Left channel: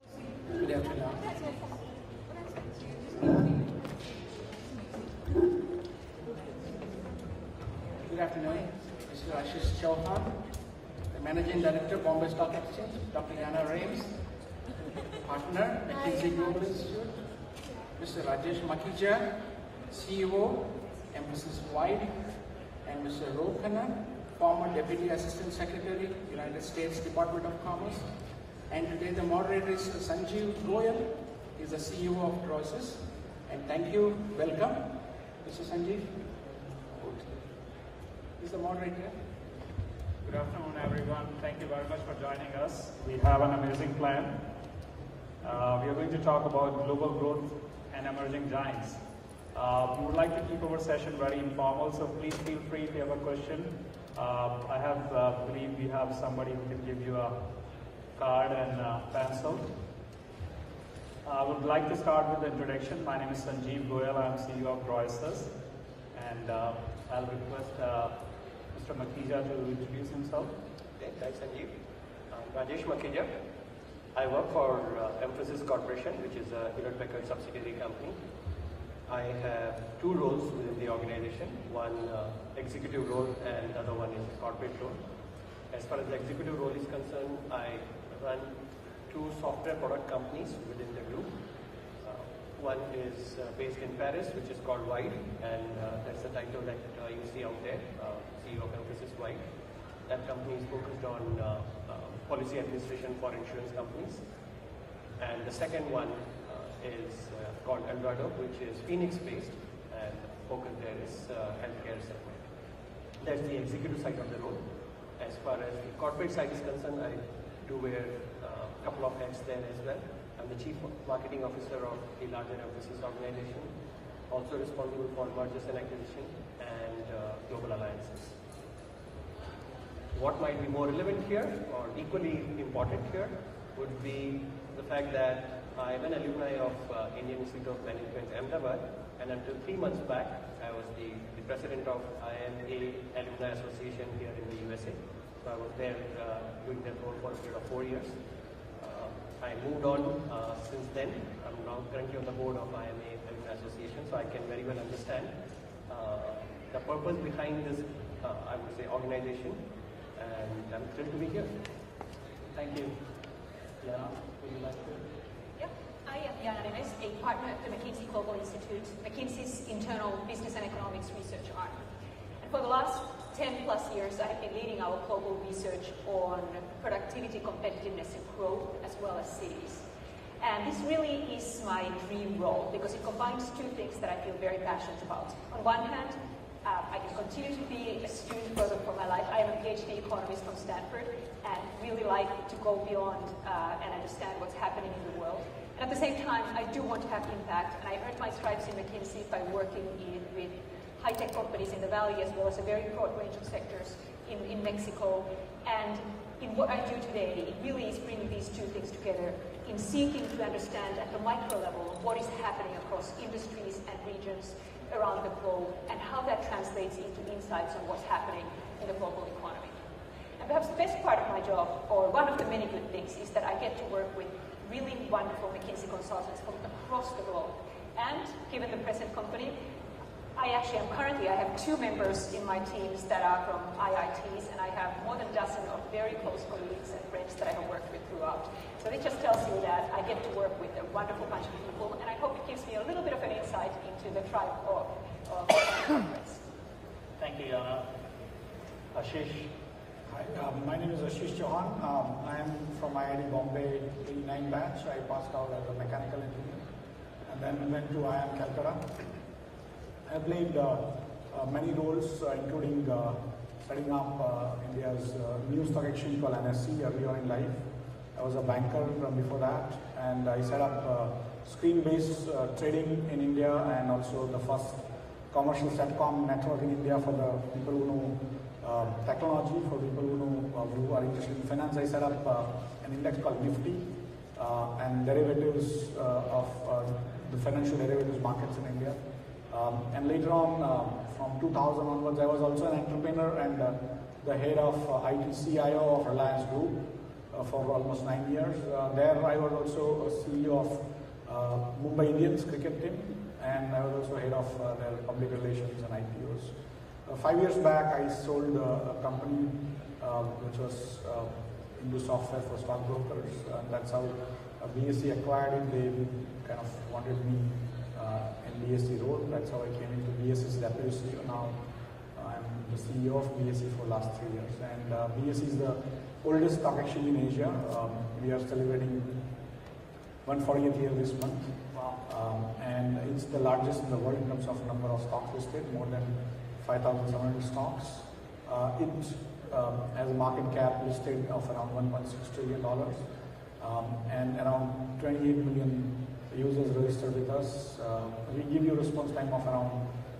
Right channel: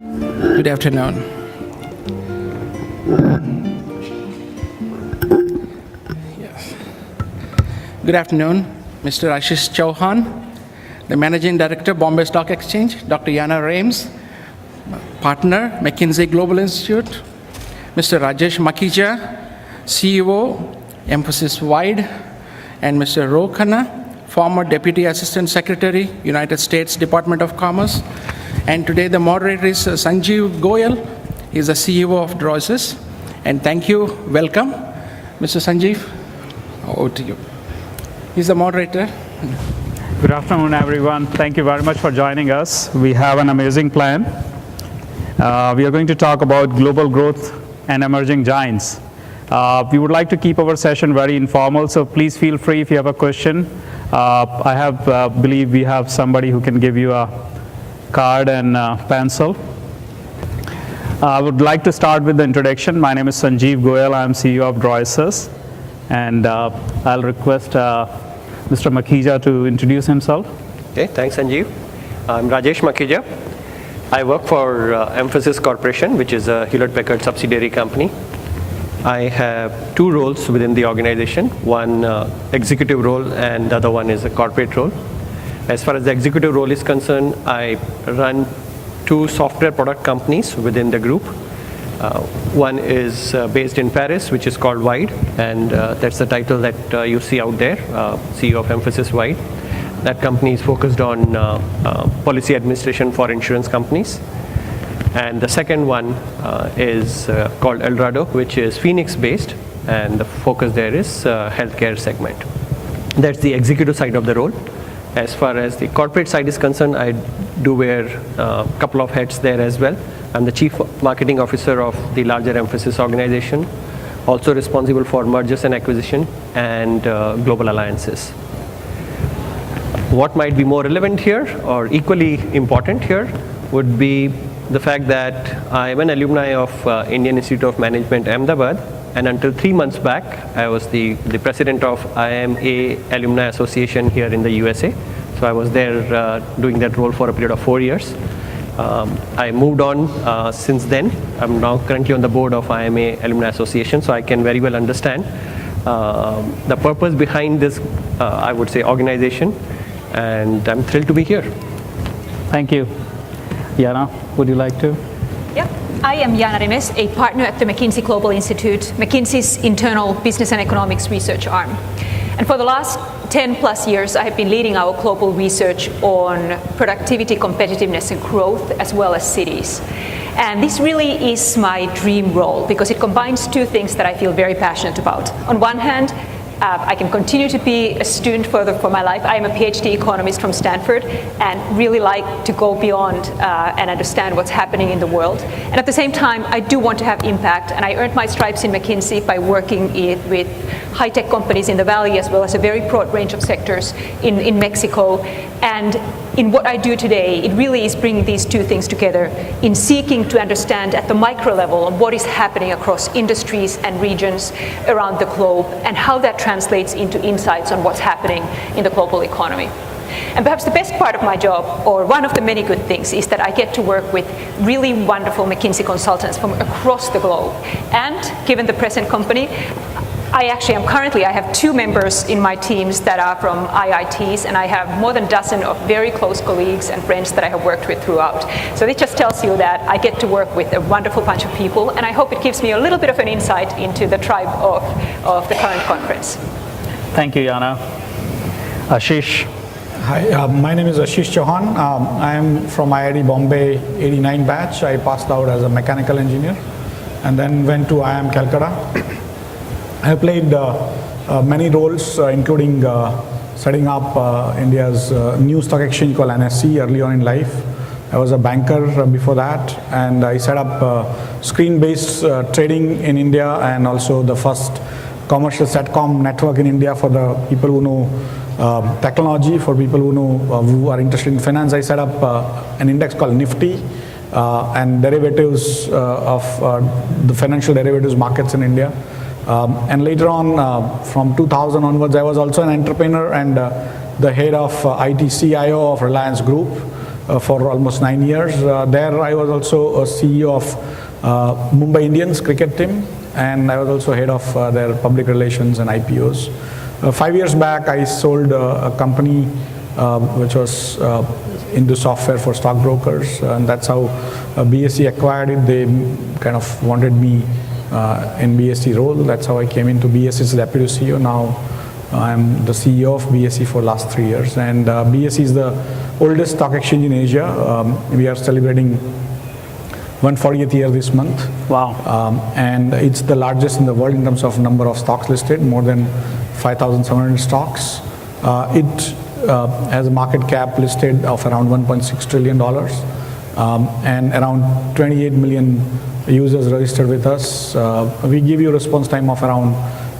Good afternoon. Yes. Good afternoon, Mr. Ashish Chauhan, the Managing Director, Bombay Stock Exchange, Dr. Yana Rames, Partner, McKinsey Global Institute, Mr. Rajesh Makhija, CEO, Emphasis Wide, and Mr. Ro Khanna, former Deputy Assistant Secretary, United States Department of Commerce. And today the moderator is Sanjeev Goyal. He's the CEO of Droices. And thank you, welcome. Mr. Sanjeev, over to you. He's the moderator. Good afternoon, everyone. Thank you very much for joining us. We have an amazing plan. We are going to talk about global growth and emerging giants. We would like to keep our session very informal, so please feel free if you have a question. I believe we have somebody who can give you a card and pencil. I would like to start with the introduction. My name is Sanjeev Goyal. I'm CEO of Droices. And I'll request Mr. Makhija to introduce himself. Okay, thanks, Sanjeev. I'm Rajesh Makhija. I work for Emphasis Corporation, which is a Hewlett-Packard subsidiary company. I have two roles within the organization, one executive role and the other one is a corporate role. As far as the executive role is concerned, I run two software product companies within the group. One is based in Paris, which is called Wide, and that's the title that you see out there, CEO of Emphasis Wide. That company is focused on policy administration for insurance companies. And the second one is called Eldorado, which is Phoenix-based, and the focus there is healthcare segment. That's the executive side of the role. As far as the corporate side is concerned, I do wear a couple of hats there as well. I'm the Chief Marketing Officer of the larger Emphasis organization, also responsible for mergers and acquisition and global alliances. What might be more relevant here or equally important here would be the fact that I'm an alumni of Indian Institute of Management, Ahmedabad, and until 3 months back, I was the president of IMA Alumni Association here in the USA. So I was there doing that role for a period of 4 years. I moved on since then. I'm now currently on the board of IMA Alumni Association, so I can very well understand the purpose behind this, I would say, organization, and I'm thrilled to be here. Thank you. Yana, would you like to? Yeah, I am Yana Remes, a partner at the McKinsey Global Institute, McKinsey's internal business and economics research arm. And for the last 10 plus years, I have been leading our global research on productivity, competitiveness, and growth, as well as cities. And this really is my dream role because it combines two things that I feel very passionate about. On one hand, I can continue to be a student further for my life. I am a PhD economist from Stanford and really like to go beyond and understand what's happening in the world. And at the same time, I do want to have impact, and I earned my stripes in McKinsey by working with high-tech companies in the Valley as well as a very broad range of sectors in Mexico. And in what I do today, it really is bringing these two things together in seeking to understand at the micro level what is happening across industries and regions around the globe and how that translates into insights on what's happening in the global economy. And perhaps the best part of my job, or one of the many good things, is that I get to work with really wonderful McKinsey consultants from across the globe. And given the present company, I have 2 members in my teams that are from IITs, and I have more than a dozen of very close colleagues and friends that I have worked with throughout. So it just tells you that I get to work with a wonderful bunch of people, and I hope it gives me a little bit of an insight into the tribe of the current conference. Thank you, Yana. Ashish. Hi, my name is Ashish Chauhan. I am from IIT Bombay 89 batch. I passed out as a mechanical engineer and then went to IIM Calcutta. I played many roles, including setting up India's new stock exchange called NSE early on in life. I was a banker before that, and I set up screen-based trading in India and also the first commercial SATCOM network in India for the people who know technology, for people who know who are interested in finance. I set up an index called Nifty and derivatives of the financial derivatives markets in India. And later on, from 2000 onwards, I was also an entrepreneur and the head of IT CIO of Reliance Group, for almost 9 years. There I was also a CEO of Mumbai Indians cricket team, and I was also head of their public relations and IPOs. 5 years back, I sold a company which was into software for stockbrokers, and that's how BSE acquired it. They kind of wanted me in BSE role. That's how I came into BSE's deputy CEO. Now I'm the CEO of BSE for last 3 years, and BSE is the oldest stock exchange in Asia. We are celebrating 140th year this month. Wow. And it's the largest in the world in terms of number of stocks listed, more than 5,700 stocks. It has a market cap listed of around $1.6 trillion, and around 28 million users registered with us. We give you response time of around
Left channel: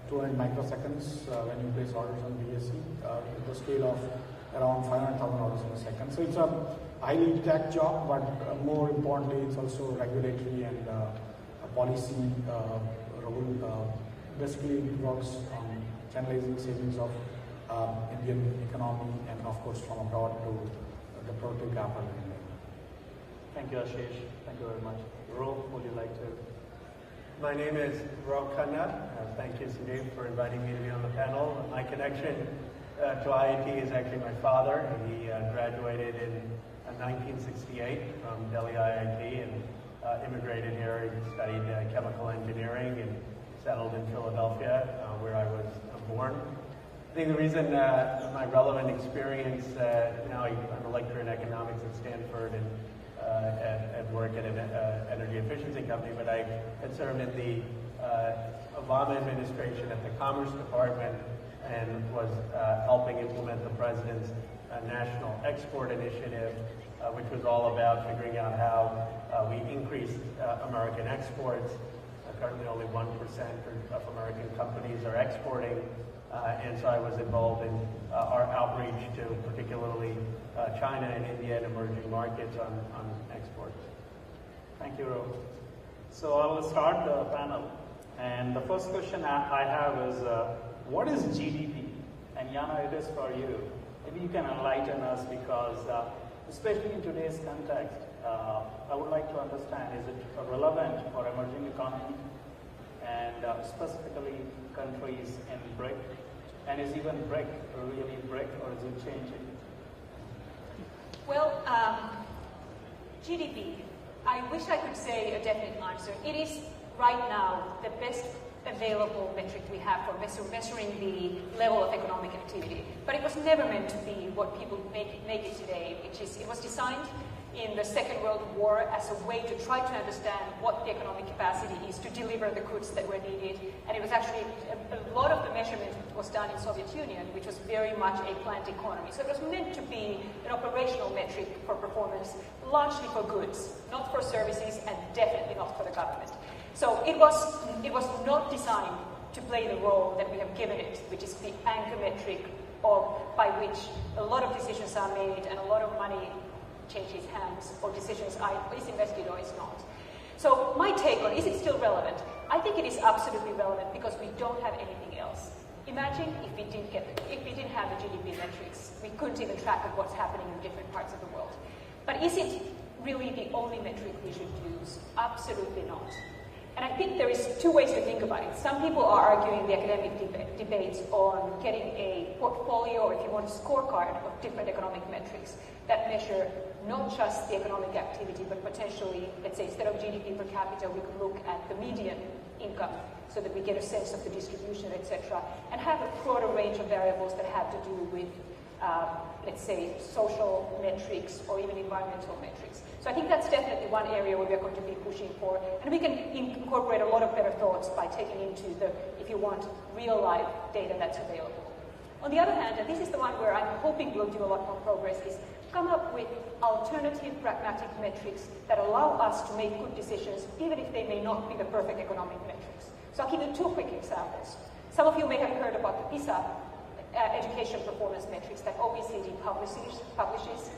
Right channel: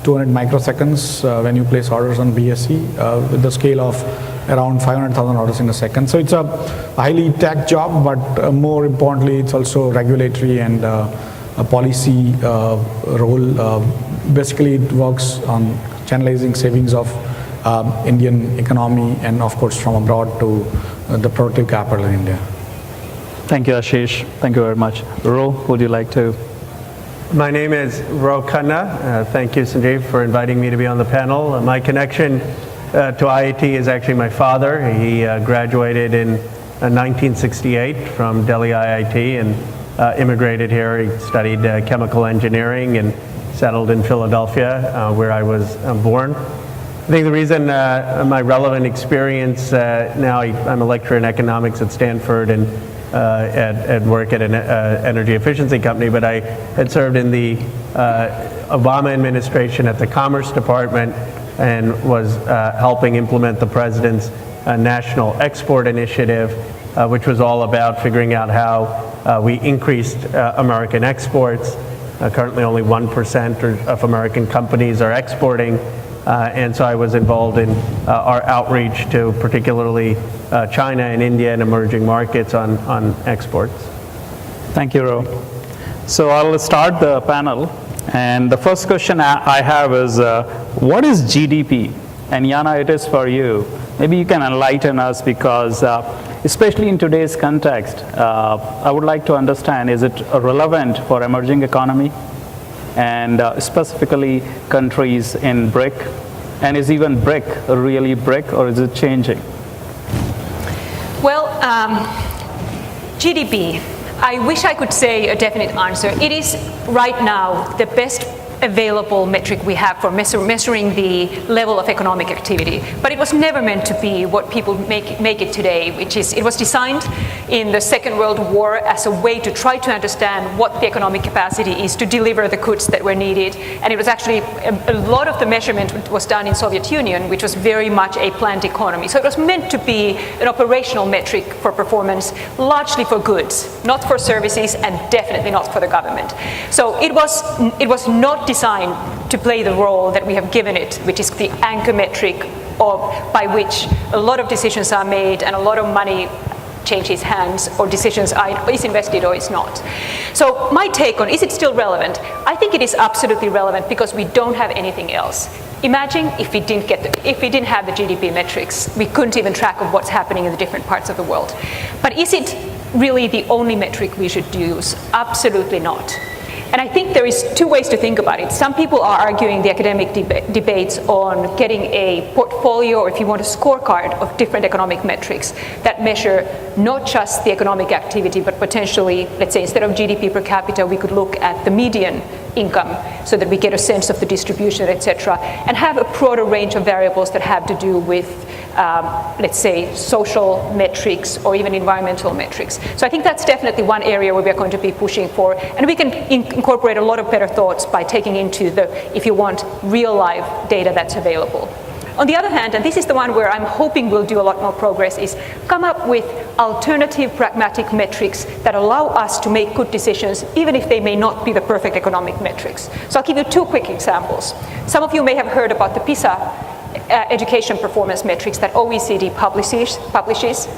200 microseconds when you place orders on BSE, with the scale of around 500,000 orders in a second. So it's a highly tech job, but more importantly, it's also regulatory and a policy role. Basically, it works on channelizing savings of Indian economy and, of course, from abroad to the productive capital in India. Thank you, Ashish. Thank you very much. Ro, would you like to? My name is Ro Khanna. Thank you, Sanjeev, for inviting me to be on the panel. My connection to IIT is actually my father. He graduated in 1968 from Delhi IIT and immigrated here. He studied chemical engineering and settled in Philadelphia, where I was born. I think the reason my relevant experience, now I'm a lecturer in economics at Stanford and at work at an energy efficiency company, but I had served in the Obama administration at the Commerce Department and was helping implement the president's national export initiative, which was all about figuring out how we increased American exports. Currently only 1% of American companies are exporting. And so I was involved in our outreach to particularly China and India and emerging markets on exports. Thank you, Ro. So I'll start the panel. And the first question I have is, what is GDP? And Yana, it is for you. Maybe you can enlighten us, because especially in today's context, I would like to understand, is it relevant for emerging economy? And specifically countries in BRIC, and is even BRIC really BRIC, or is it changing? Well, GDP, I wish I could say a definite answer. It is right now the best available metric we have for measuring the level of economic activity. But it was never meant to be what people make it today, which is, it was designed in the Second World War as a way to try to understand what the economic capacity is to deliver the goods that were needed. And it was actually, a lot of the measurement was done in Soviet Union, which was very much a planned economy. So it was meant to be an operational metric for performance, largely for goods, not for services, and definitely not for the government. So it was not designed to play the role that we have given it, which is the anchor metric by which a lot of decisions are made and a lot of money changes hands, or decisions is invested or is not. So my take on, is it still relevant? I think it is absolutely relevant, because we don't have anything else. Imagine if we didn't have the GDP metrics, we couldn't even track of what's happening in the different parts of the world. But is it really the only metric we should use? Absolutely not. And I think there is two ways to think about it. Some people are arguing the academic debates on getting a portfolio, or if you want a scorecard, of different economic metrics that measure not just the economic activity, but potentially, let's say, instead of GDP per capita, we could look at the median income so that we get a sense of the distribution, etc., and have a broader range of variables that have to do with let's say, social metrics or even environmental metrics. So I think that's definitely one area where we're going to be pushing for, and we can incorporate a lot of better thoughts by taking into the, if you want, real life data that's available. On the other hand, and this is the one where I'm hoping we'll do a lot more progress, is come up with alternative pragmatic metrics that allow us to make good decisions, even if they may not be the perfect economic metrics. So I'll give you two quick examples. Some of you may have heard about the PISA education performance metrics that OECD publishes.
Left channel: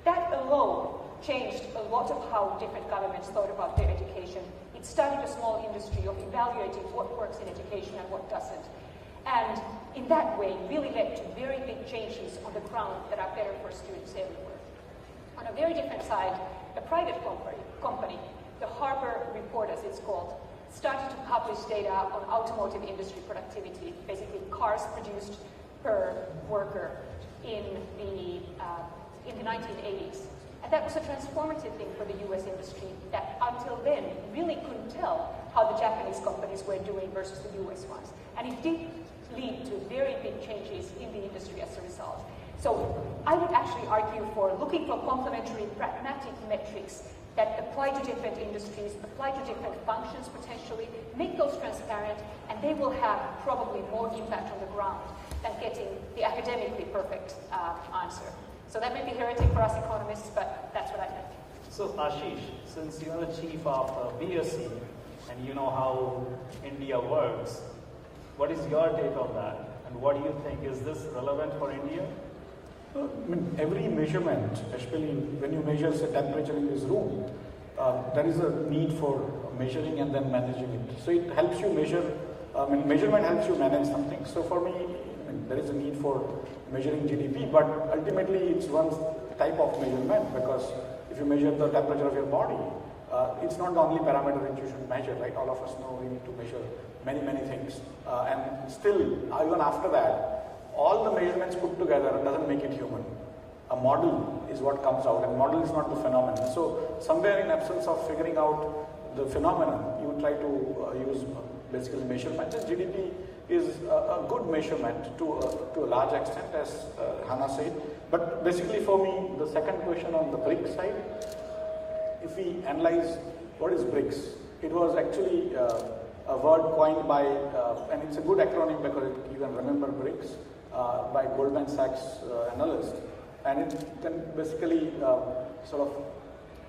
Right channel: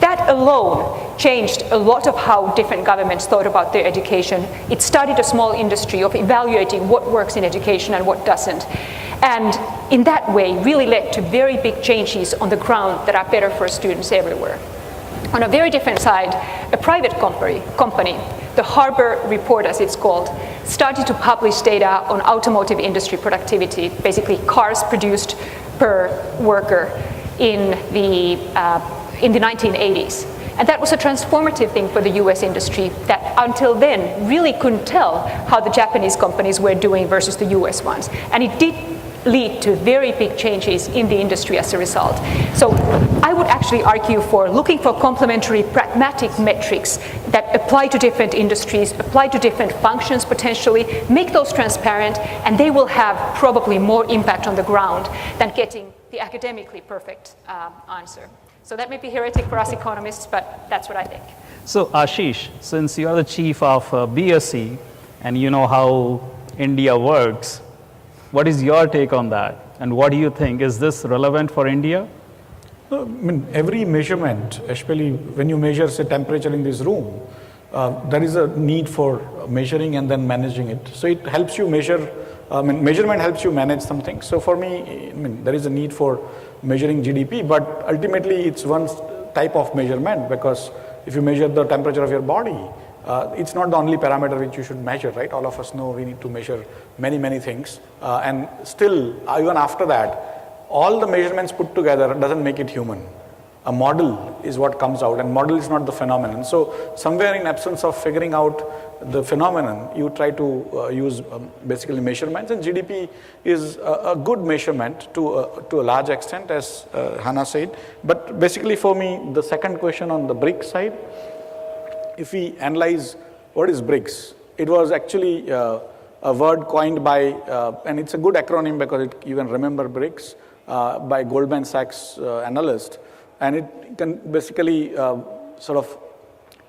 That alone changed a lot of how different governments thought about their education. It started a small industry of evaluating what works in education and what doesn't. And in that way, really led to very big changes on the ground that are better for students everywhere. On a very different side, a private company, the Harbor Report as it's called, started to publish data on automotive industry productivity, basically cars produced per worker in the 1980s. And that was a transformative thing for the US industry that until then really couldn't tell how the Japanese companies were doing versus the US ones. And it did lead to very big changes in the industry as a result. So I would actually argue for looking for complementary pragmatic metrics that apply to different industries, apply to different functions potentially, make those transparent, and they will have probably more impact on the ground than getting the academically perfect answer. So that may be heretic for us economists, but that's what I think. So Ashish, since you are the chief of BSc and you know how India works, what is your take on that? And what do you think? Is this relevant for India? I mean, every measurement, especially when you measure, say, temperature in this room, there is a need for measuring and then managing it. So it helps you measure, measurement helps you manage something. So for me, there is a need for measuring GDP, but ultimately it's one type of measurement, because if you measure the temperature of your body, it's not the only parameter which you should measure, right? All of us know we need to measure many, many things. And still, even after that, all the measurements put together doesn't make it human. A model is what comes out, and model is not the phenomenon. So somewhere in absence of figuring out the phenomenon, you try to use basically measurements, and GDP is a good measurement to a large extent, as Hannah said. But basically for me, the second question on the BRICS side, if we analyze what is BRICS, it was actually a word coined by, and it's a good acronym because you can remember BRICS, by Goldman Sachs analyst. And it can basically sort of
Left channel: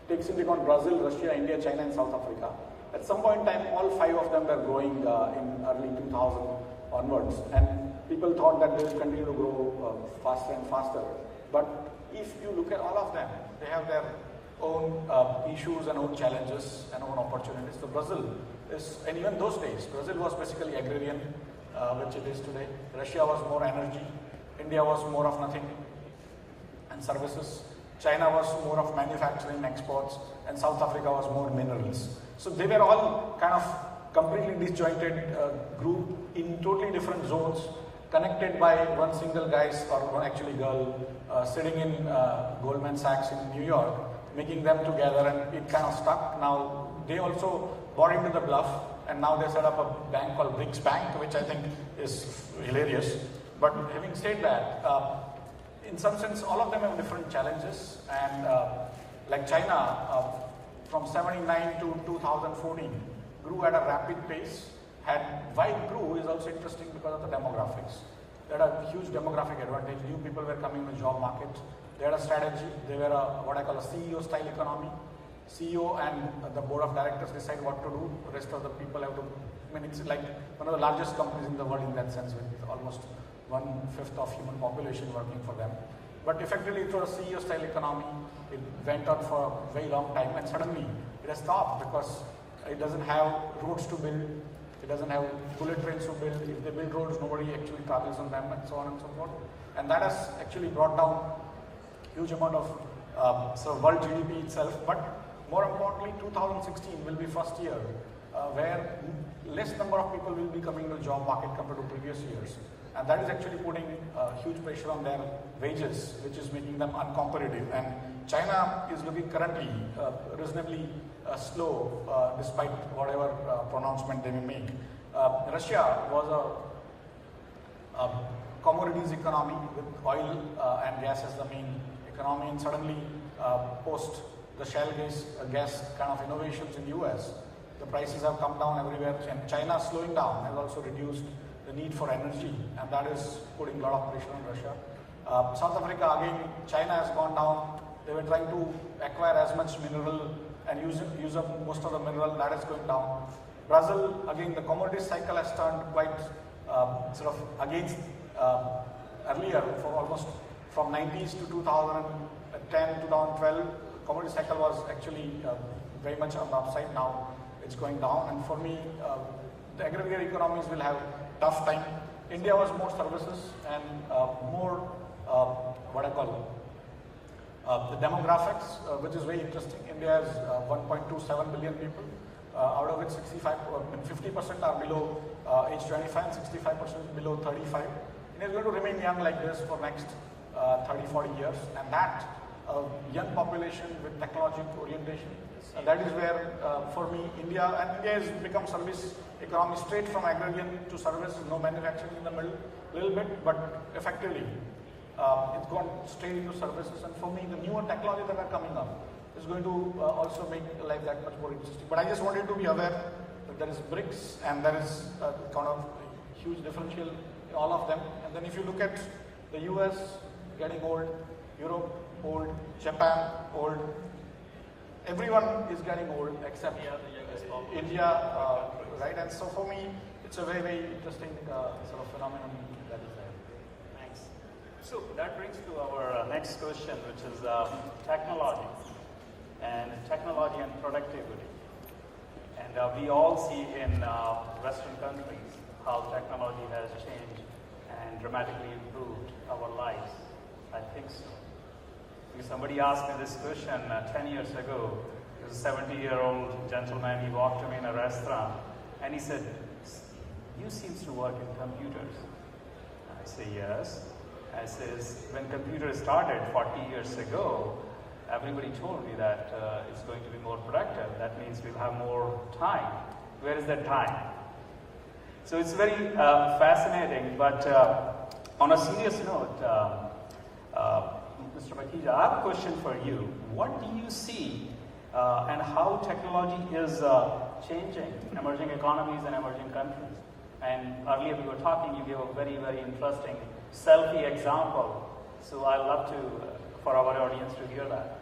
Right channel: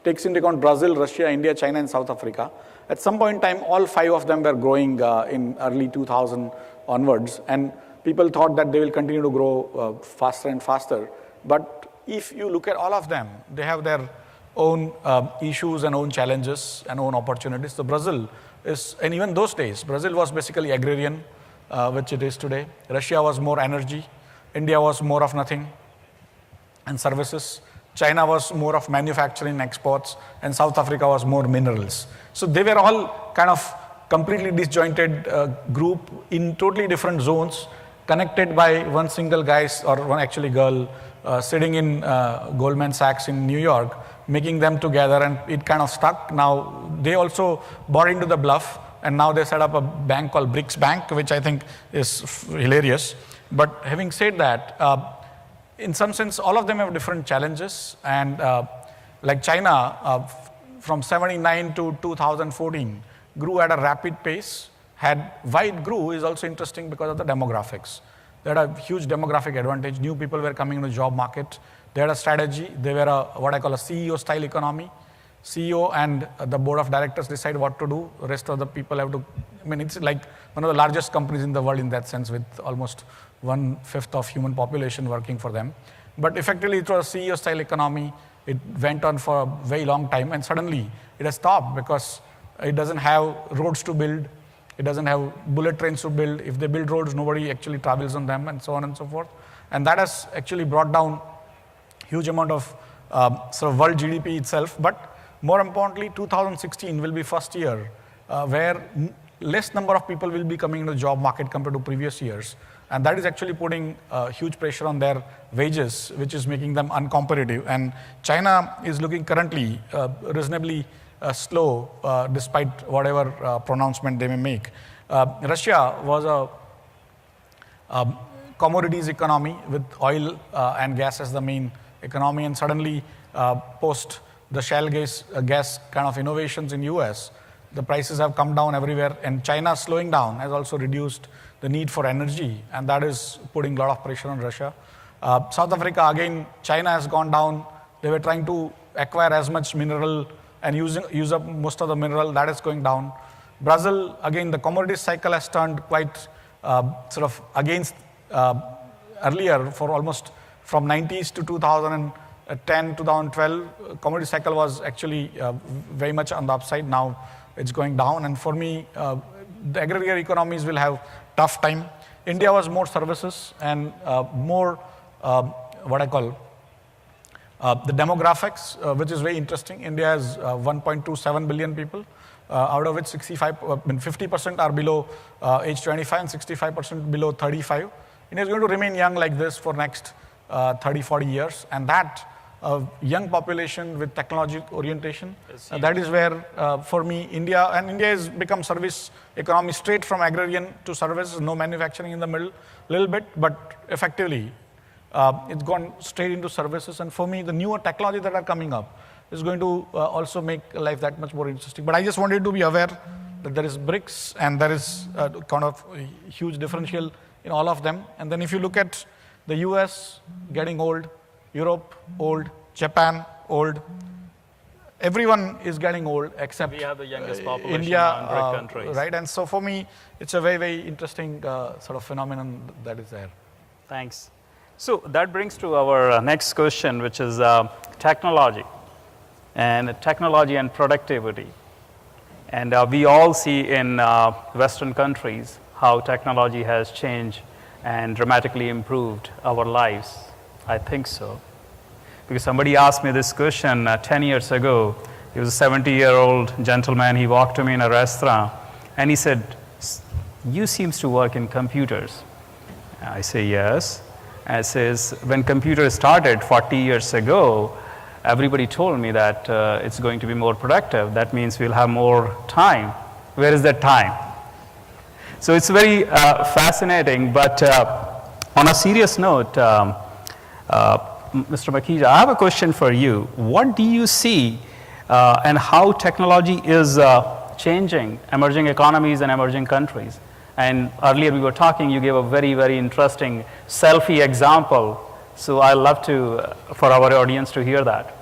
takes into account Brazil, Russia, India, China, and South Africa. At some point in time, all 5 of them were growing in early 2000 onwards, and people thought that they will continue to grow faster and faster. But if you look at all of them, they have their own issues and own challenges and own opportunities. So Brazil is, and even those days, Brazil was basically agrarian, which it is today. Russia was more energy. India was more of nothing and services. China was more of manufacturing, exports, and South Africa was more minerals. So they were all kind of completely disjointed group in totally different zones, connected by one single guy or one actually girl sitting in Goldman Sachs in New York, making them together, and it kind of stuck. Now they also bought into the bluff, and now they set up a bank called BRICS Bank, which I think is hilarious. But having said that, in some sense, all of them have different challenges, and like China, from 79 to 2014, grew at a rapid pace. Why it grew is also interesting because of the demographics. They had a huge demographic advantage. New people were coming into the job market. They had a strategy. They were what I call a CEO-style economy. CEO and the board of directors decide what to do. The rest of the people have to, it's like one of the largest companies in the world in that sense, with almost 1/5 of human population working for them. But effectively it was a CEO-style economy. It went on for a very long time, and suddenly it has stopped because it doesn't have roads to build. It doesn't have bullet trains to build. If they build roads, nobody actually travels on them, and so on and so forth. And that has actually brought down huge amount of sort of world GDP itself. But more importantly, 2016 will be first year where less number of people will be coming into the job market compared to previous years. And that is actually putting huge pressure on their wages, which is making them uncompetitive. And China is looking currently reasonably slow, despite whatever pronouncement they may make. Russia was a commodities economy with oil and gas as the main economy, and suddenly post the shale gas kind of innovations in US, the prices have come down everywhere, and China slowing down has also reduced the need for energy, and that is putting a lot of pressure on Russia. South Africa, again, China has gone down. They were trying to acquire as much mineral and use up most of the mineral. That is going down. Brazil, again, the commodity cycle has turned quite sort of against earlier for almost from 90s to 2010, 2012. Commodity cycle was actually very much on the upside. Now it's going down, and for me, the agrarian economies will have tough time. India was more services and more what I call The demographics, which is very interesting, India has 1.27 billion people, out of which 50% are below age 25 and 65% below 35. India is going to remain young like this for next 30, 40 years, and that young population with technology orientation, that is where, for me, India has become service economy, straight from agrarian to services, no manufacturing in the middle, little bit, but effectively, it's gone straight into services. And for me, the newer technology that are coming up is going to also make life that much more interesting. But I just wanted to be aware that there is BRICS and there is kind of a huge differential in all of them. And then if you look at the US getting old, Europe old, Japan old, everyone is getting old except We have the youngest population India, among BRIC countries. right? And so for me, it's a very, very interesting sort of phenomenon that is there. Thanks. So that brings to our next question, which is technology and productivity. And we all see in Western countries how technology has changed and dramatically improved our lives. I think so. Because somebody asked me this question 10 years ago. He was a 70-year-old gentleman. He walked to me in a restaurant and he said, "You seems to work in computers." I say, "Yes." And says, "When computers started 40 years ago, everybody told me that it's going to be more productive. That means we'll have more time. Where is that time?" So it's very fascinating, but on a serious note, Mr. Makhija, I have a question for you. What do you see and how technology is changing emerging economies and emerging countries? And earlier we were talking, you gave a very, very interesting selfie example. So I'd love to, for our audience to hear that.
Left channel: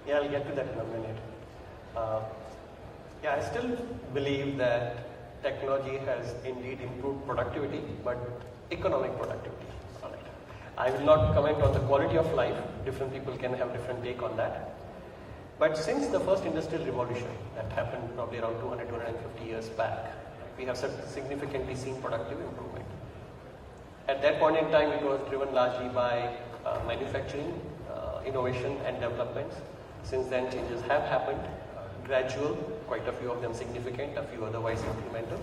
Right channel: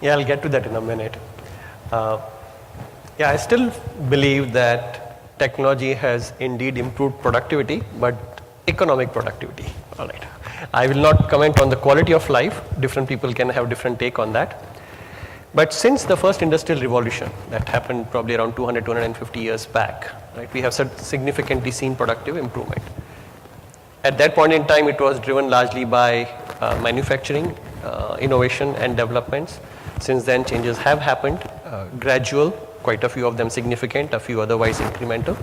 Yeah, I'll get to that in a minute. Yeah, I still believe that technology has indeed improved productivity, but economic productivity. All right. I will not comment on the quality of life. Different people can have different take on that. But since the first industrial revolution that happened probably around 200, 250 years back, right, we have significantly seen productive improvement. At that point in time, it was driven largely by manufacturing, innovation and developments. Since then, changes have happened, gradual, quite a few of them significant, a few otherwise incremental.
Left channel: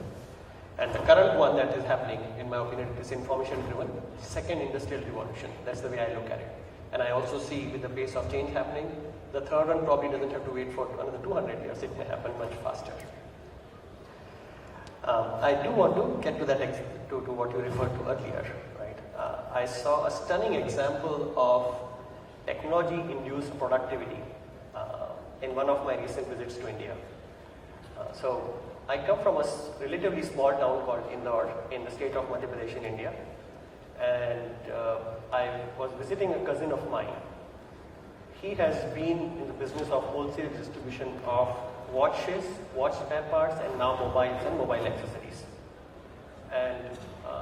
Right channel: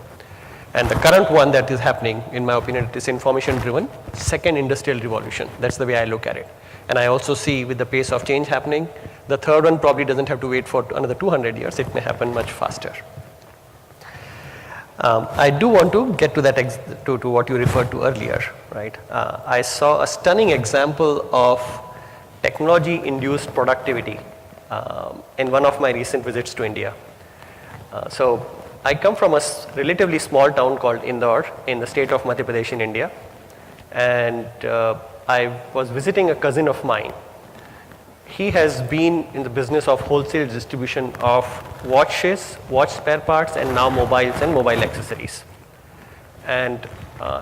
And the current one that is happening, in my opinion, it is information driven, second industrial revolution. That's the way I look at it. And I also see with the pace of change happening, the third one probably doesn't have to wait for another 200 years. It may happen much faster. I do want to get to that, to what you referred to earlier, right? I saw a stunning example of technology-induced productivity in one of my recent visits to India. So I come from a relatively small town called Indore in the state of Madhya Pradesh in India. And I was visiting a cousin of mine. He has been in the business of wholesale distribution of watches, watch spare parts, and now mobiles and mobile accessories. And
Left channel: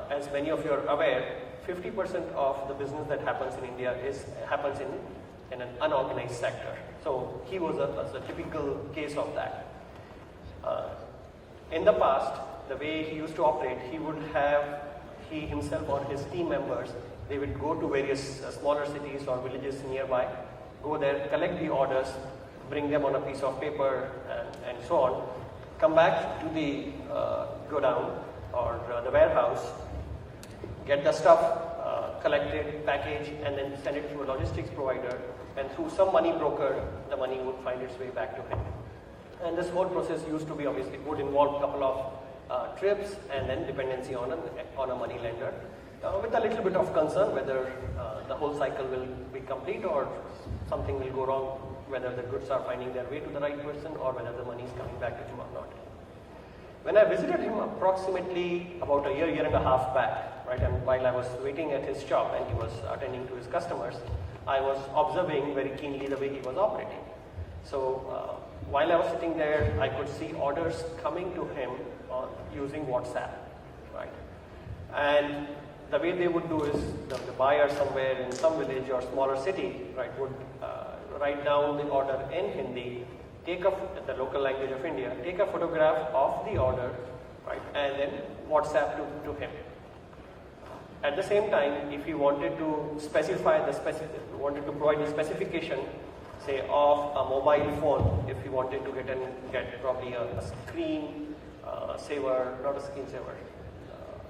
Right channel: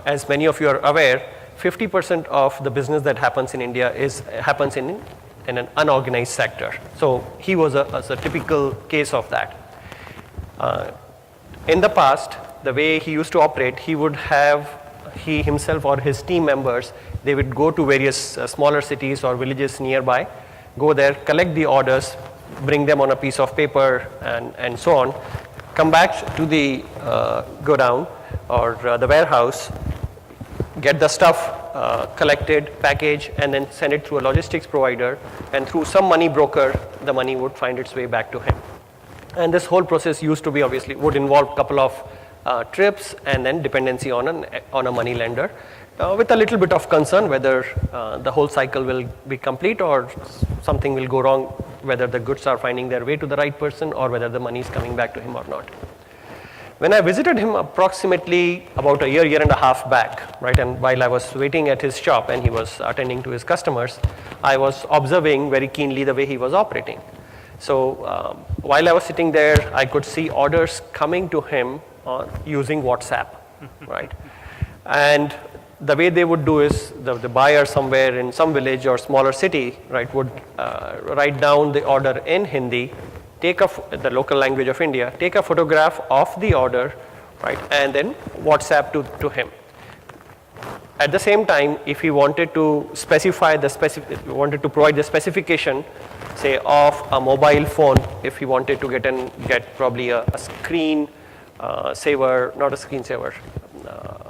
as many of you are aware, 50% of the business that happens in India happens in an unorganized sector. So he was a typical case of that. In the past, the way he used to operate, he himself or his team members, they would go to various smaller cities or villages nearby, go there, collect the orders, bring them on a piece of paper and so on, come back to the godown or the warehouse, get the stuff collected, packaged, and then send it through a logistics provider, and through some money broker, the money would find its way back to him. And this whole process used to be, obviously, would involve a couple of trips and then dependency on a money lender, with a little bit of concern whether the whole cycle will be complete or something will go wrong, whether the goods are finding their way to the right person or whether the money is coming back to him or not. When I visited him approximately about a year and a half back, right, and while I was waiting at his shop and he was attending to his customers, I was observing very keenly the way he was operating. So while I was sitting there, I could see orders coming to him using WhatsApp, right? And the way they would do is the buyer somewhere in some village or smaller city, right, would write down the order in Hindi, take the local language of India, take a photograph of the order, right, and then WhatsApp to him. At the same time, if we wanted to specify wanted to provide the specification, say of a mobile phone, if we wanted to get probably a screen saver, not a screen saver,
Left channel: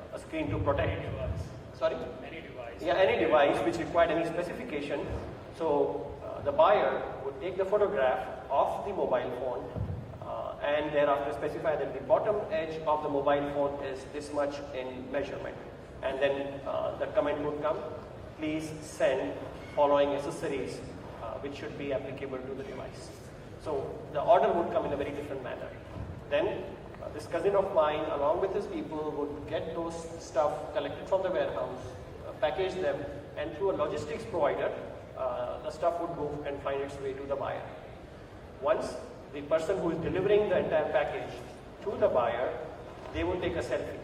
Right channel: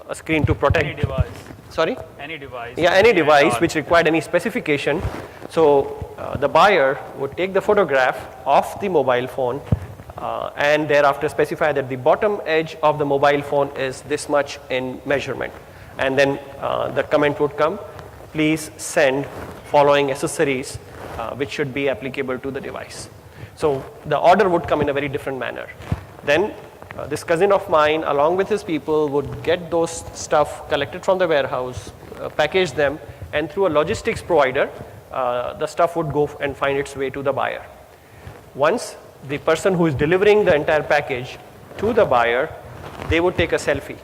a screen to protect. Any device. Sorry? Any device. Yeah, any device which required any specification. So the buyer would take the photograph of the mobile phone and thereafter specify that the bottom edge of the mobile phone is this much in measurement. And then the comment would come, please send following accessories which should be applicable to the device. So the order would come in a very different manner. Then this cousin of mine along with his people would get those stuff collected from the warehouse, package them, and through a logistics provider, the stuff would go and find its way to the buyer. Once the person who is delivering the entire package to the buyer, they would take a selfie,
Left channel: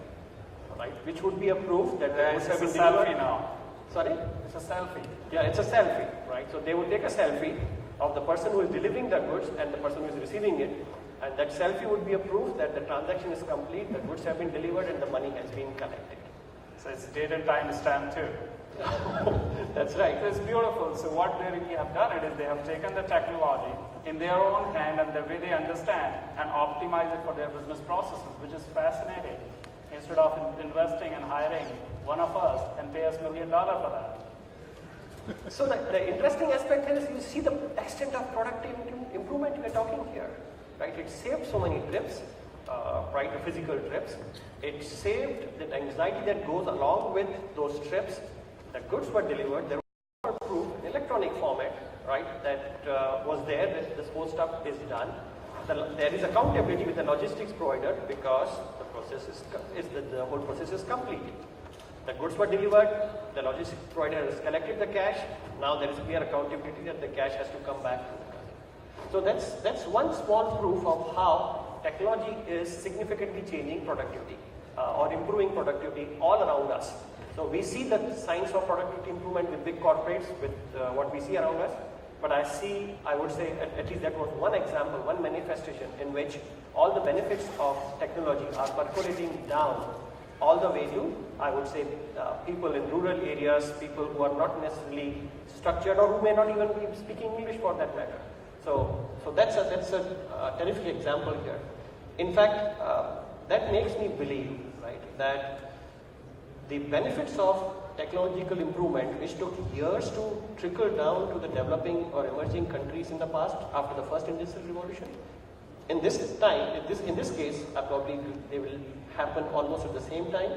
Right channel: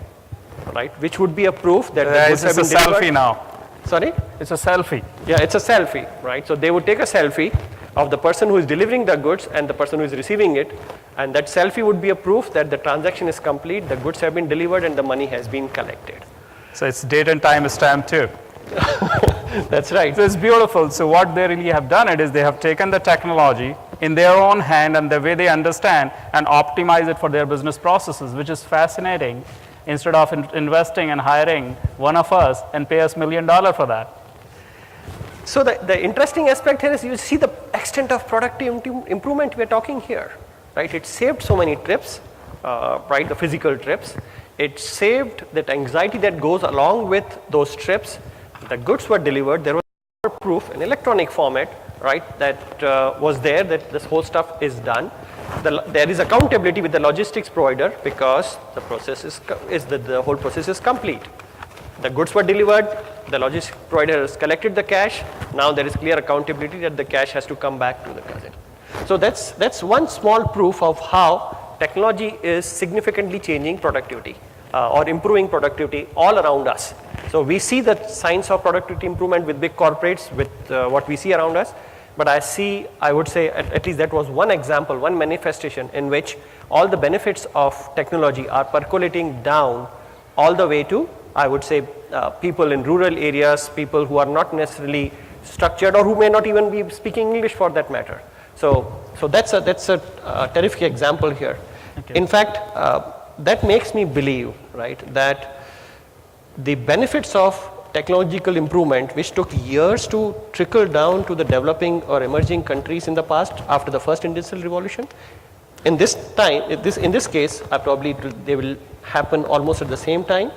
right? Which would be a proof that the goods have been It's a delivered. selfie now. Sorry? It's a selfie. Yeah, it's a selfie, right? So they would take a selfie of the person who is delivering the goods and the person who is receiving it, and that selfie would be a proof that the transaction is complete, the goods have been delivered, and the money has been collected. So it's date and time stamp too. That's right. So it's beautiful. So what they really have done it is they have taken the technology in their own hand and the way they understand and optimize it for their business processes, which is fascinating. Instead of investing and hiring one of us and pay us $1 million for that. So the interesting aspect here is you see the extent of productivity improvement we're talking here, right? It saved so many trips, right, the physical trips. It saved that anxiety that goes along with those trips. The goods were delivered, there was proof in electronic format, right, that was there that this whole stuff is done. There is accountability with the logistics provider because the process the whole process is complete. The goods were delivered, the logistics provider has collected the cash. Now there is clear accountability that the cash has to come back to the cousin. So that's one small proof of how technology is significantly changing productivity or improving productivity all around us. So we see the signs of productivity improvement with big corporates, with what we see around us. But I would say at least that was one example, one manifestation in which all the benefits of technology are percolating down all the way to, I would say, people in rural areas, people who are not necessarily structured or who may not even be speaking English for that matter. So that's a terrific example here. Okay. In fact, that makes me believe, right, that the benefits of technological improvement, which took years to trickle down to the developing or emerging countries in the past after the first industrial revolution, in this case, probably they will happen almost at the same time.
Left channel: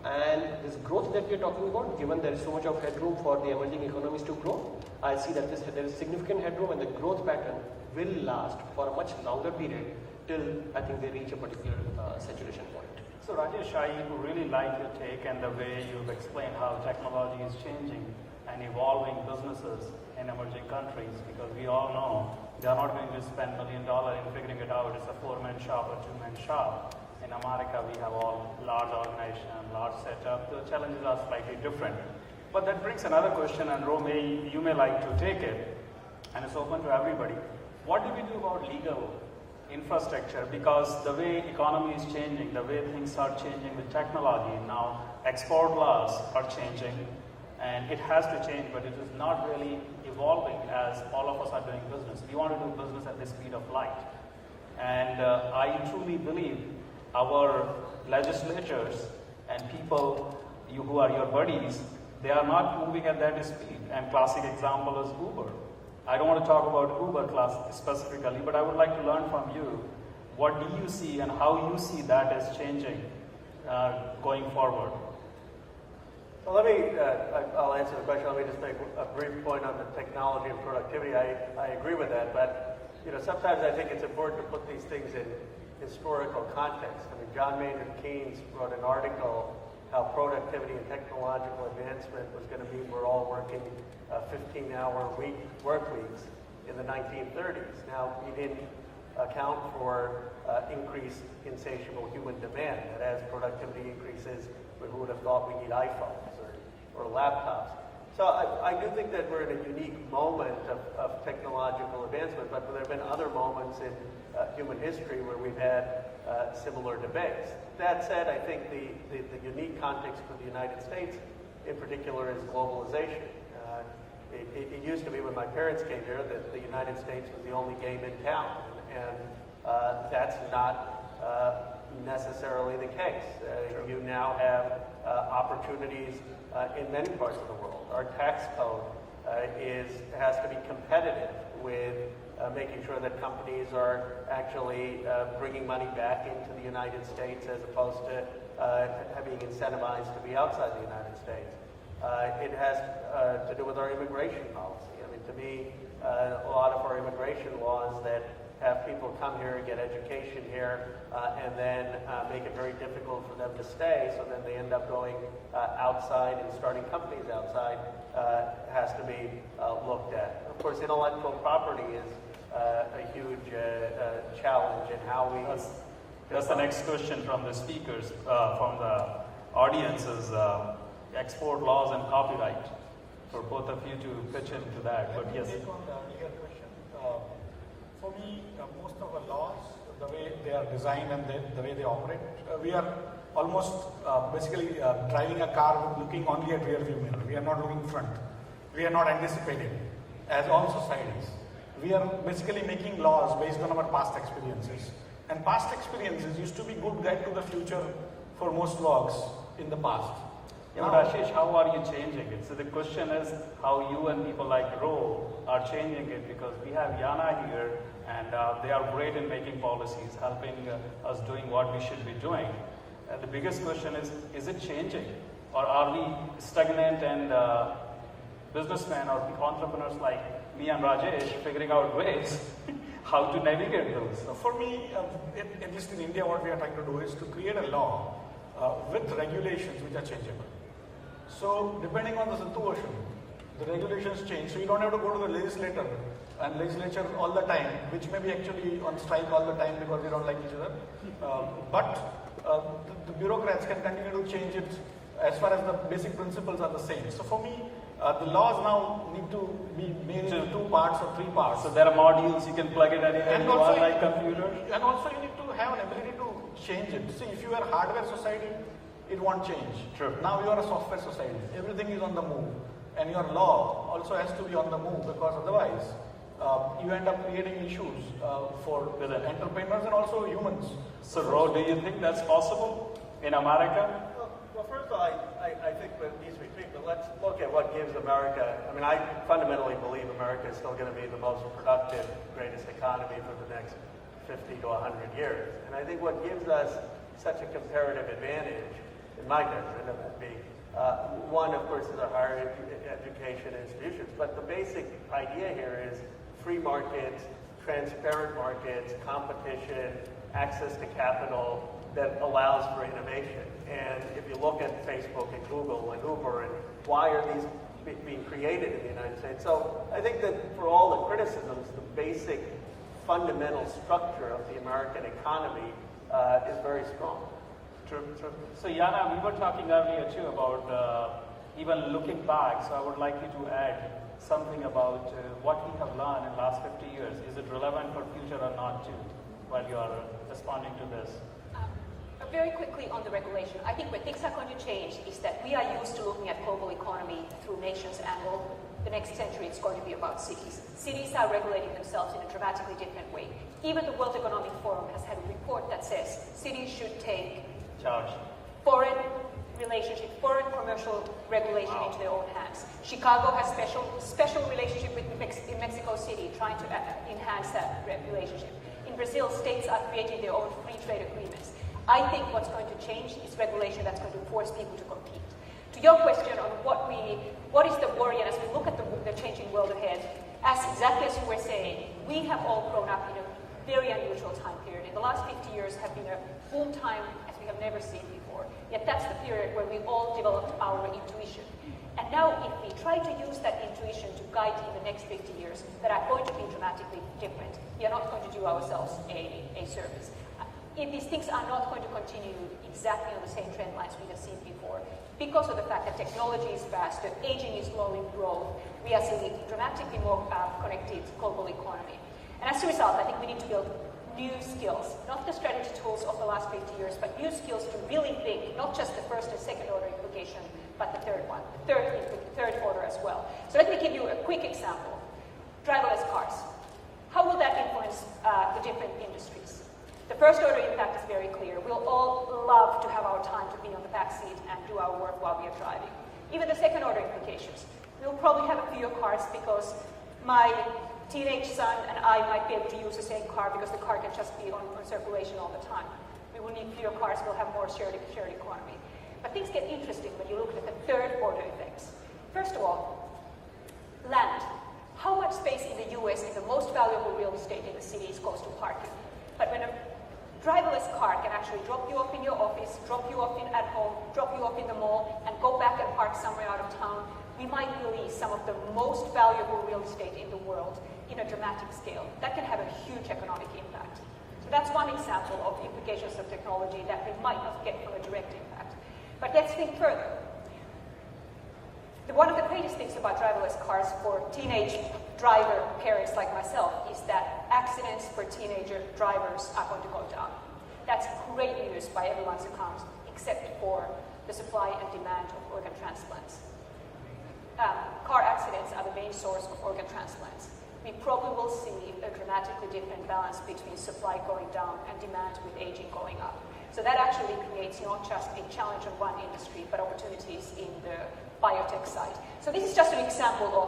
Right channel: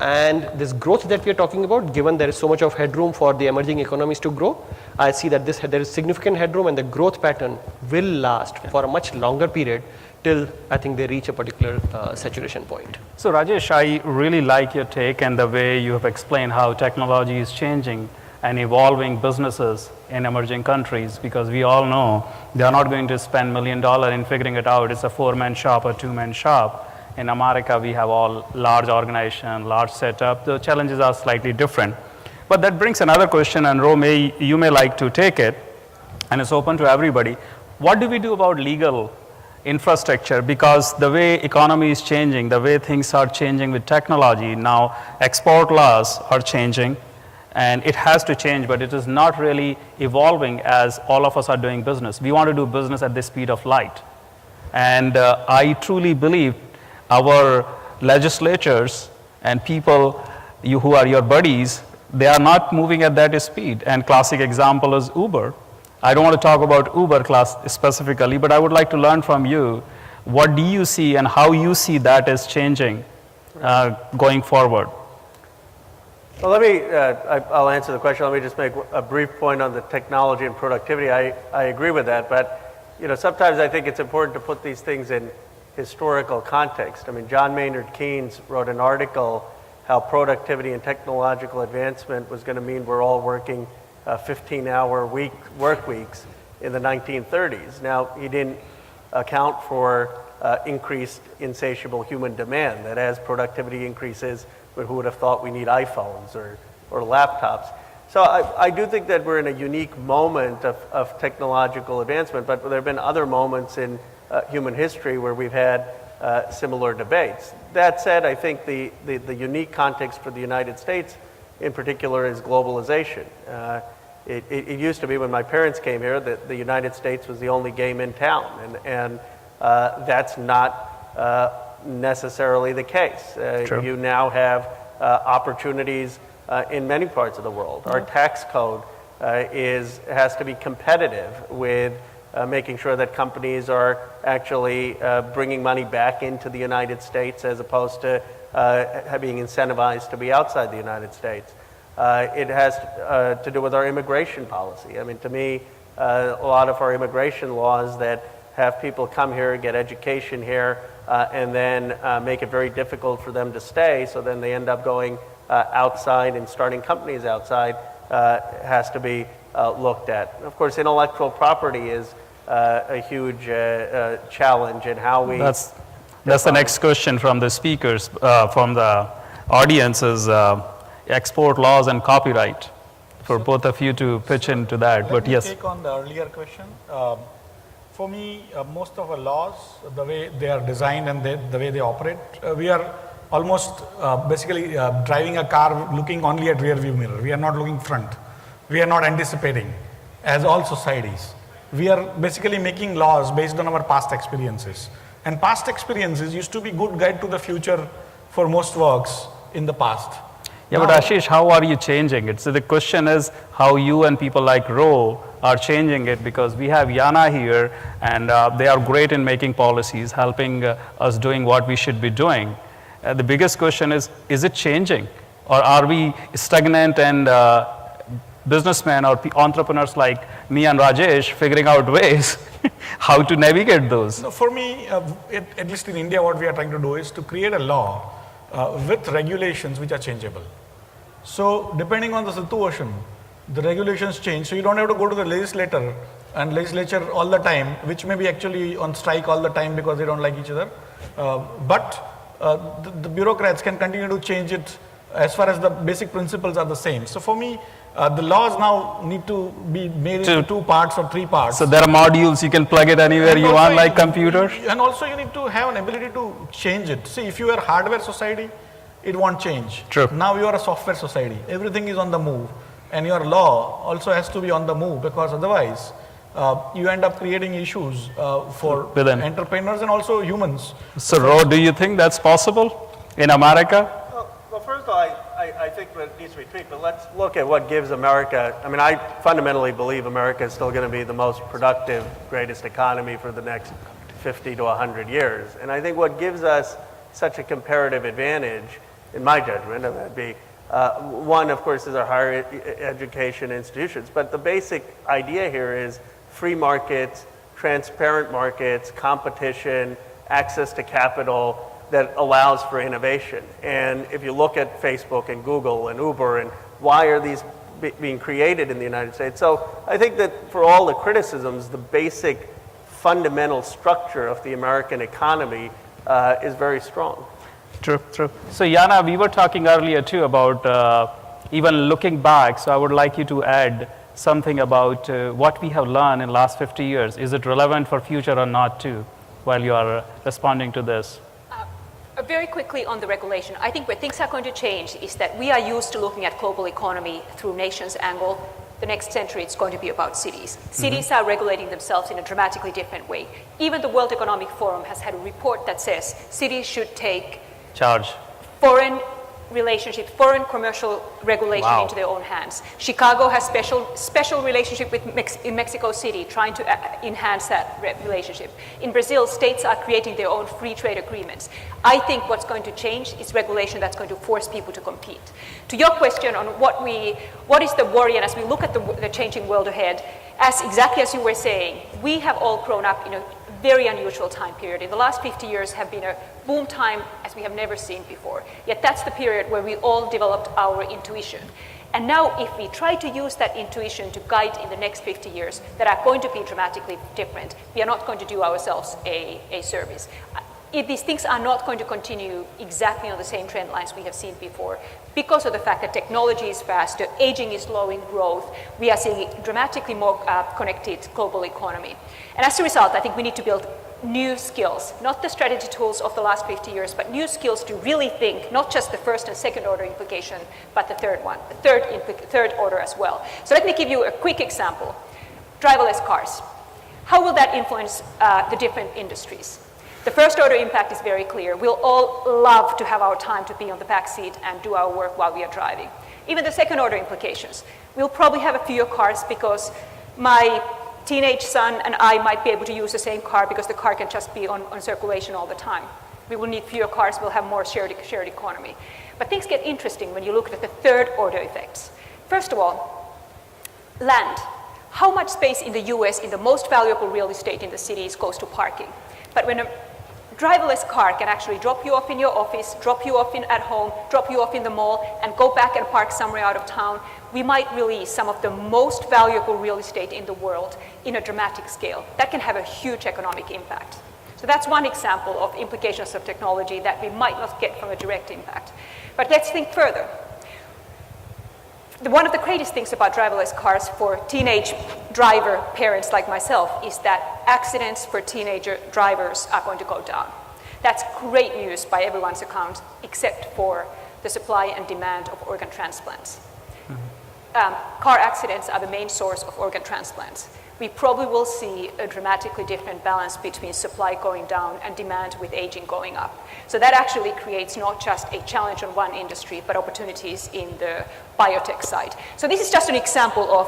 And this growth that we are talking about, given there is so much of headroom for the emerging economies to grow, I see that there is significant headroom and the growth pattern will last for a much longer period till I think they reach a particular saturation point. So Rajesh, I really like your take and the way you have explained how technology is changing and evolving businesses in emerging countries, because we all know they are not going to spend $1 million in figuring it out. It's a 4-man shop or 2-man shop. In America, we have all large organization, large setup. The challenges are slightly different. But that brings another question, and Ro, you may like to take it, and it's open to everybody. What do we do about legal infrastructure? Because the way economy is changing, the way things are changing with technology, now export laws are changing, and it has to change, but it is not really evolving as all of us are doing business. We want to do business at the speed of light. And I truly believe our legislatures and people who are your buddies, they are not moving at that speed. And classic example is Uber. I don't want to talk about Uber class specifically, but I would like to learn from you. What do you see and how you see that is changing going forward? Well, I'll answer the question. Let me just make a brief point on the technology and productivity. I agree with that, but sometimes I think it's important to put these things in historical context. I mean, John Maynard Keynes wrote an article how productivity and technological advancement was going to mean we're all working 15-hour work weeks in the 1930s. Now, he didn't account for increased insatiable human demand, that as productivity increases, who would have thought we need iPhones or laptops. So I do think that we're in a unique moment of technological advancement, but there have been other moments in human history where we've had similar debates. That said, I think the unique context for the United States in particular is globalization. It used to be when my parents came here that the United States was the only game in town, and that's not necessarily the case. True. You now have opportunities in many parts of the world. Our tax code has to be competitive with making sure that companies are actually bringing money back into the United States as opposed to being incentivized to be outside the United States. It has to do with our immigration policy. I mean, to me, a lot of our immigration laws that have people come here, get education here, and then make it very difficult for them to stay, so then they end up going outside and starting companies outside, has to be looked at. Of course, intellectual property is a huge challenge in how we... That's the next question from the speakers, from the audience is export laws and copyright. For both of you to pitch into that, but yes. Let me take on the earlier question. For me, most of our laws, the way they are designed and the way they operate, we are almost basically driving a car looking only at rear view mirror. We are not looking front. We are not anticipating, as all societies. We are basically making laws based on our past experiences. And past experiences used to be good guide to the future for most works in the past. Yeah, but Ashish, how are you changing it? So the question is how you and people like Ro are changing it, because we have Yana here and they are great in making policies, helping us doing what we should be doing. The biggest question is it changing? Or are we stagnant and businessmen or entrepreneurs like me and Rajesh figuring out ways how to navigate those? So for me, at least in India, what we are trying to do is to create a law with regulations which are changeable. So depending on the situation, the regulations change. So you don't have to go to the legislature all the time, which may be actually on strike all the time because they don't like each other. But the bureaucrats can continue to change it as far as the basic principles are the same. So for me, the laws now need to be made into 2 parts or 3 parts. So there are modules, you can plug it anywhere you want, like computers? And also you need to have an ability to change it. See, if you are a hardware society, it won't change. True. Now you are a software society. Everything is on the move. And your law also has to be on the move, because otherwise you end up creating issues for entrepreneurs and also humans. So Ro, do you think that's possible in America? Well, first of all, I think that needs to be tweaked, but let's look at what gives America, I mean, I fundamentally believe America is still going to be the most productive, greatest economy for the next 50 to 100 years. And I think what gives us such a comparative advantage, in my judgment, would be one, of course, is our higher education institutions. But the basic idea here is free markets, transparent markets, competition, access to capital that allows for innovation. And if you look at Facebook and Google and Uber, and why are these being created in the United States? So I think that for all the criticisms, the basic fundamental structure of the American economy is very strong. True, true. So Yana, we were talking earlier too about even looking back. So I would like you to add something about what we have learned in the last 50 years. Is it relevant for future or not too, while you are responding to this? Very quickly on the regulation, I think where things are going to change is that we are used to looking at global economy through nations angle. The next century, it's going to be about cities. Cities are regulating themselves in a dramatically different way. Even the World Economic Forum has had a report that says cities should take Charge. foreign relationships, foreign commercial regulation into their own hands. Chicago has special relationship with in Mexico City, trying to enhance that relationship. In Brazil, states are creating their own free trade agreements. I think what's going to change is regulation that's going to force people to compete. To your question on what is the worry, and as we look at the changing world ahead, exactly as you were saying, we have all grown up in a very unusual time period. In the last 50 years have been a boom time as we have never seen before. Yet that's the period where we all developed our intuition. And now if we try to use that intuition to guide in the next 50 years that are going to be dramatically different, we are not going to do ourselves a service. These things are not going to continue exactly on the same trend lines we have seen before because of the fact that technology is faster, aging is slowing growth, we are seeing a dramatically more connected global economy. And as a result, I think we need to build new skills, not the strategy tools of the last 50 years, but new skills to really think, not just the first and second order implication, but the third one, the third order as well. So let me give you a quick example. Driverless cars. How will that influence the different industries? The first order impact is very clear. We'll all love to have our time to be on the back seat and do our work while we are driving. Even the second order implications. We'll probably have fewer cars because my teenage son and I might be able to use the same car because the car can just be on circulation all the time. We will need fewer cars, we'll have more shared economy. But things get interesting when you look at the third order effects. First of all, land. How much space in the US in the most valuable real estate in the cities goes to parking? But when a driverless car can actually drop you off in your office, drop you off at home, drop you off in the mall, and go back and park somewhere out of town, we might release some of the most valuable real estate in the world in a dramatic scale. That can have a huge economic impact. So that's one example of implications of technology that we might not get from a direct impact. But let's think further. One of the greatest things about driverless cars for teenage driver parents like myself is that accidents for teenager drivers are going to go down. That's great news by everyone's account, except for the supply and demand of organ transplants. Car accidents are the main source of organ transplants. We probably will see a dramatically different balance between supply going down and demand with aging going up. So that actually creates not just a challenge on one industry, but opportunities in the biotech side. So this is just an example of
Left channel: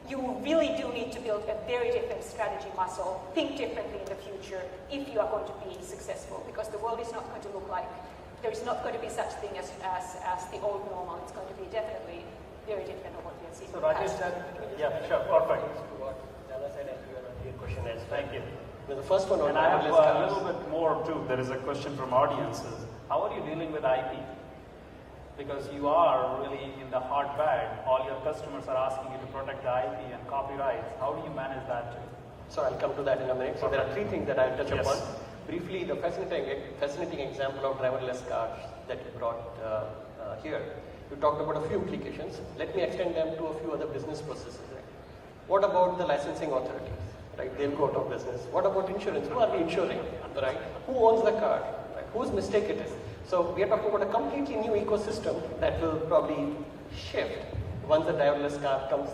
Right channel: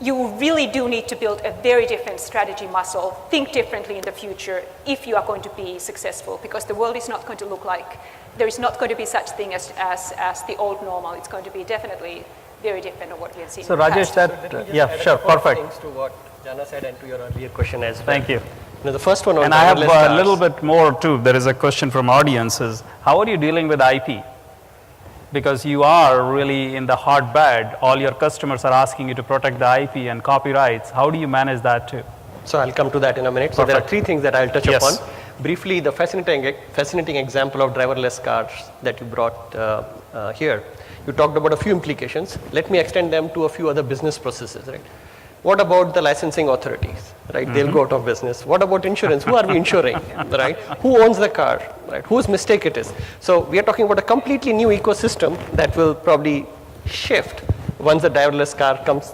you really do need to build a very different strategy muscle, think differently in the future if you are going to be successful, because the world is not going to look like, there is not going to be such thing as the old normal. It's going to be definitely very different than what we have seen. So Rajesh, yeah, sure, perfect. Things to what Jana said and to your earlier question as well. Thank you. Now, the first one on And I have driverless a cars. little bit more too. There is a question from audiences. How are you dealing with IP? Because you are really in the hard bad. All your customers are asking you to protect the IP and copyrights. How do you manage that too? So I'll come to that in a minute. So there are Perfect. three things that I'll touch Yes. upon. Briefly, the fascinating example of driverless cars that you brought here. You talked about a few implications. Let me extend them to a few other business processes, right? What about the licensing authorities, right? They'll go out of business. What about insurance? Who are we insuring, right? Who owns the car, right? Whose mistake it is? So we are talking about a completely new ecosystem that will probably shift once the driverless car comes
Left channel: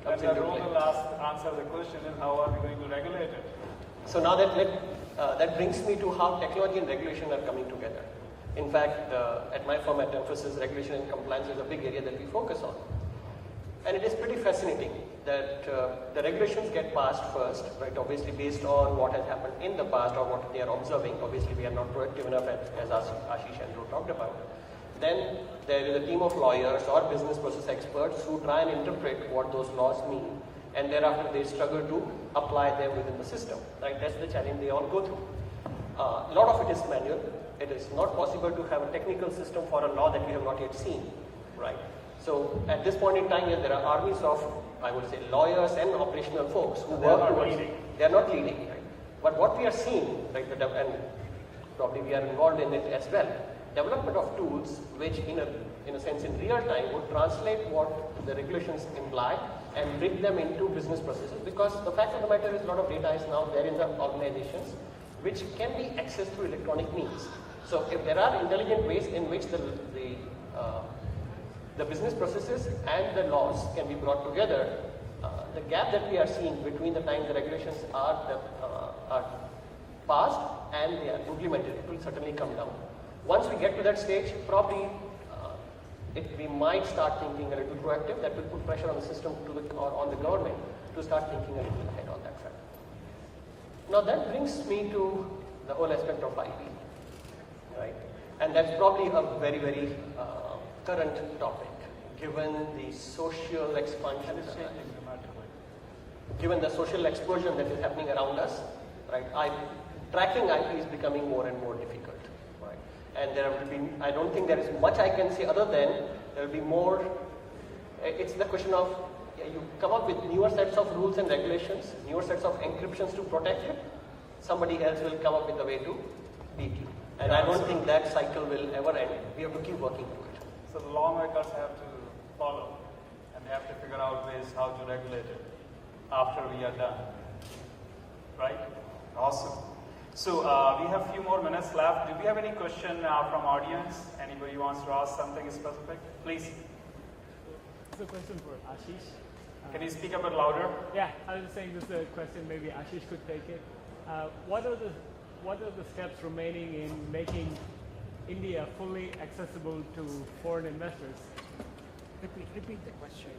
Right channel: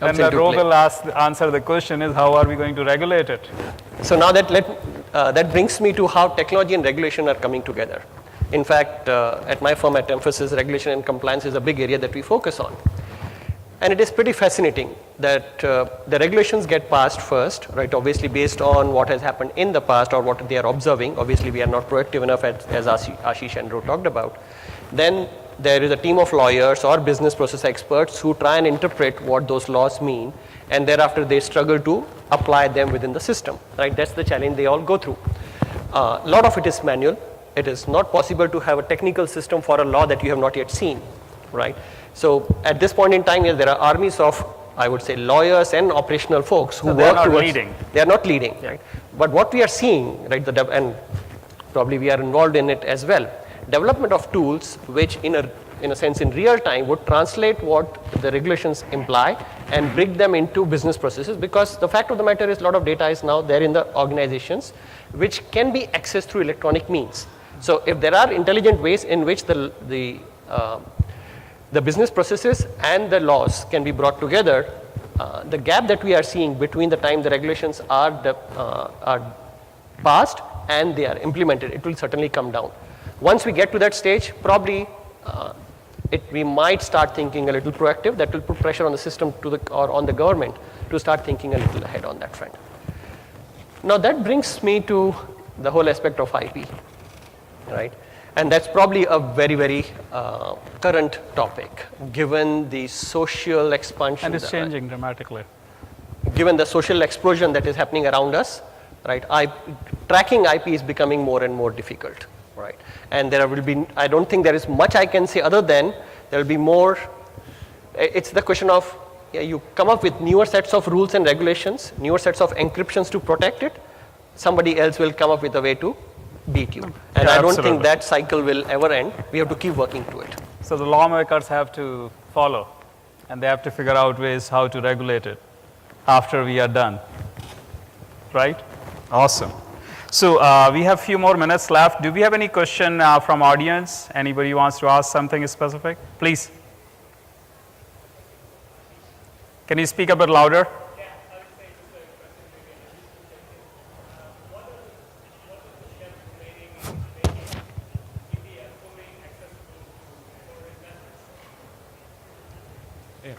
And the into role play. will answer the question is how are we going to regulate it? So now that brings me to how technology and regulation are coming together. In fact, at my firm at Emphasis, regulation and compliance is a big area that we focus on. And it is pretty fascinating that the regulations get passed first, right? Obviously based on what has happened in the past or what they are observing. Obviously we are not proactive enough as Ashish and Ro talked about. Then there is a team of lawyers or business process experts who try and interpret what those laws mean, and thereafter they struggle to apply them within the system, right? That's the challenge they all go through. A lot of it is manual. It is not possible to have a technical system for a law that you have not yet seen, right? So at this point in time, yes, there are armies of, I would say, lawyers and operational folks who So they are work not towards. leading. They are not leading, right? But what we are seeing, right, and probably we are involved in it as well, development of tools which in a sense in real time would translate what the regulations imply and bring them into business processes, because the fact of the matter is a lot of data is now there in the organizations which can be accessed through electronic means. So if there are intelligent ways in which the business processes and the laws can be brought together, the gap that we are seeing between the time the regulations are passed and they are implemented, it will certainly come down. Once we get to that stage, probably we might start thinking a little proactive. That will put pressure on the system or on the government to start thinking a little ahead on that front. Now that brings me to the whole aspect of IP, right? And that's probably a very, very current topic, given the social expansion. And it's changing dramatically. Given the social explosion that is happening around us, right? Tracking IP is becoming more and more difficult, right? And there will be, I don't think there is much I can say other than there will be more. It's the question of, you come up with newer sets of rules and regulations, newer sets of encryptions to protect it. Somebody else will come up with a way to beat you. And Yeah, I don't absolutely. think that cycle will ever end. We have to keep working to it. So the lawmakers have to follow, and they have to figure out ways how to regulate it after we are done, right? Awesome. So we have a few more minutes left. Do we have any question from audience? Anybody wants to ask something specific? Please. Can you speak a bit louder? Yeah, I was saying this is a question, maybe Ashish could take it. What are the steps remaining in making India fully accessible to foreign investors? Repeat the question.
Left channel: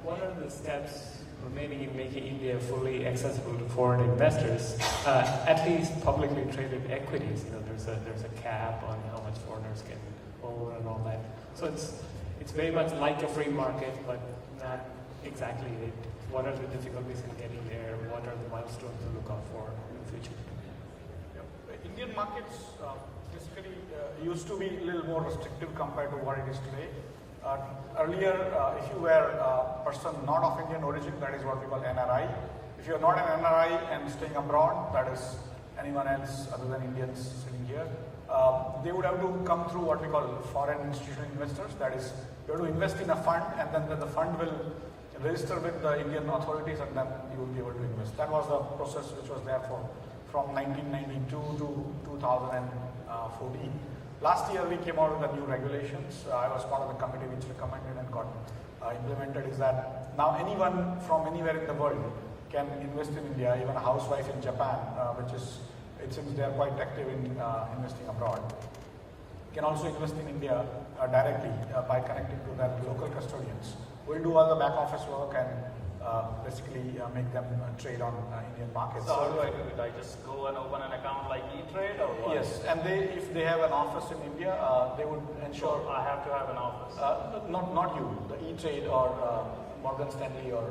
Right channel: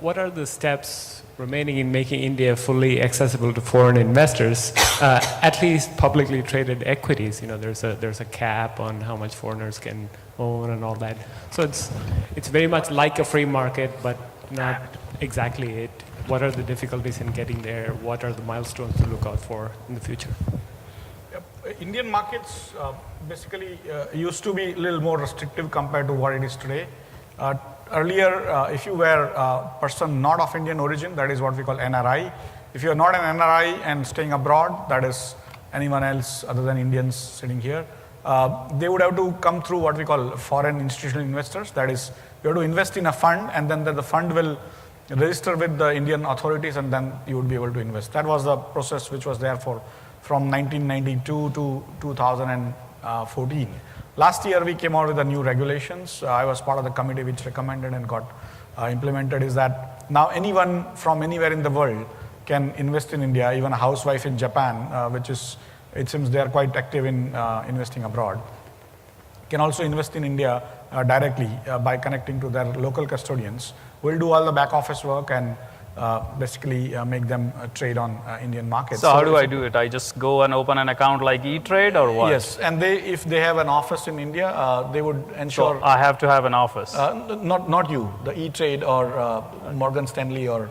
What are the steps remaining in making India fully accessible to foreign investors, at least publicly traded equities? You know, there's a cap on how much foreigners can own and all that. So it's very much like a free market, but not exactly it. What are the difficulties in getting there? What are the milestones to look out for in the future? Indian markets basically used to be a little more restrictive compared to what it is today. Earlier, if you were a person not of Indian origin, that is what we call NRI. If you are not an NRI and staying abroad, that is anyone else other than Indians sitting here, they would have to come through what we call foreign institutional investors. That is, you have to invest in a fund, and then the fund will register with the Indian authorities, and then you would be able to invest. That was the process which was there from 1992 to 2014. Last year we came out with the new regulations. I was part of the committee which recommended and got implemented, is that now anyone from anywhere in the world can invest in India, even a housewife in Japan, it seems they are quite active in investing abroad, can also invest in India directly by connecting to their local custodians. We'll do all the back office work and basically make them trade on Indian markets. So how do I do it? I just go and open an account like E-Trade or what? Yes, and if they have an office in India, they would ensure. So I have to have an office. Not you, the E-Trade or Morgan Stanley or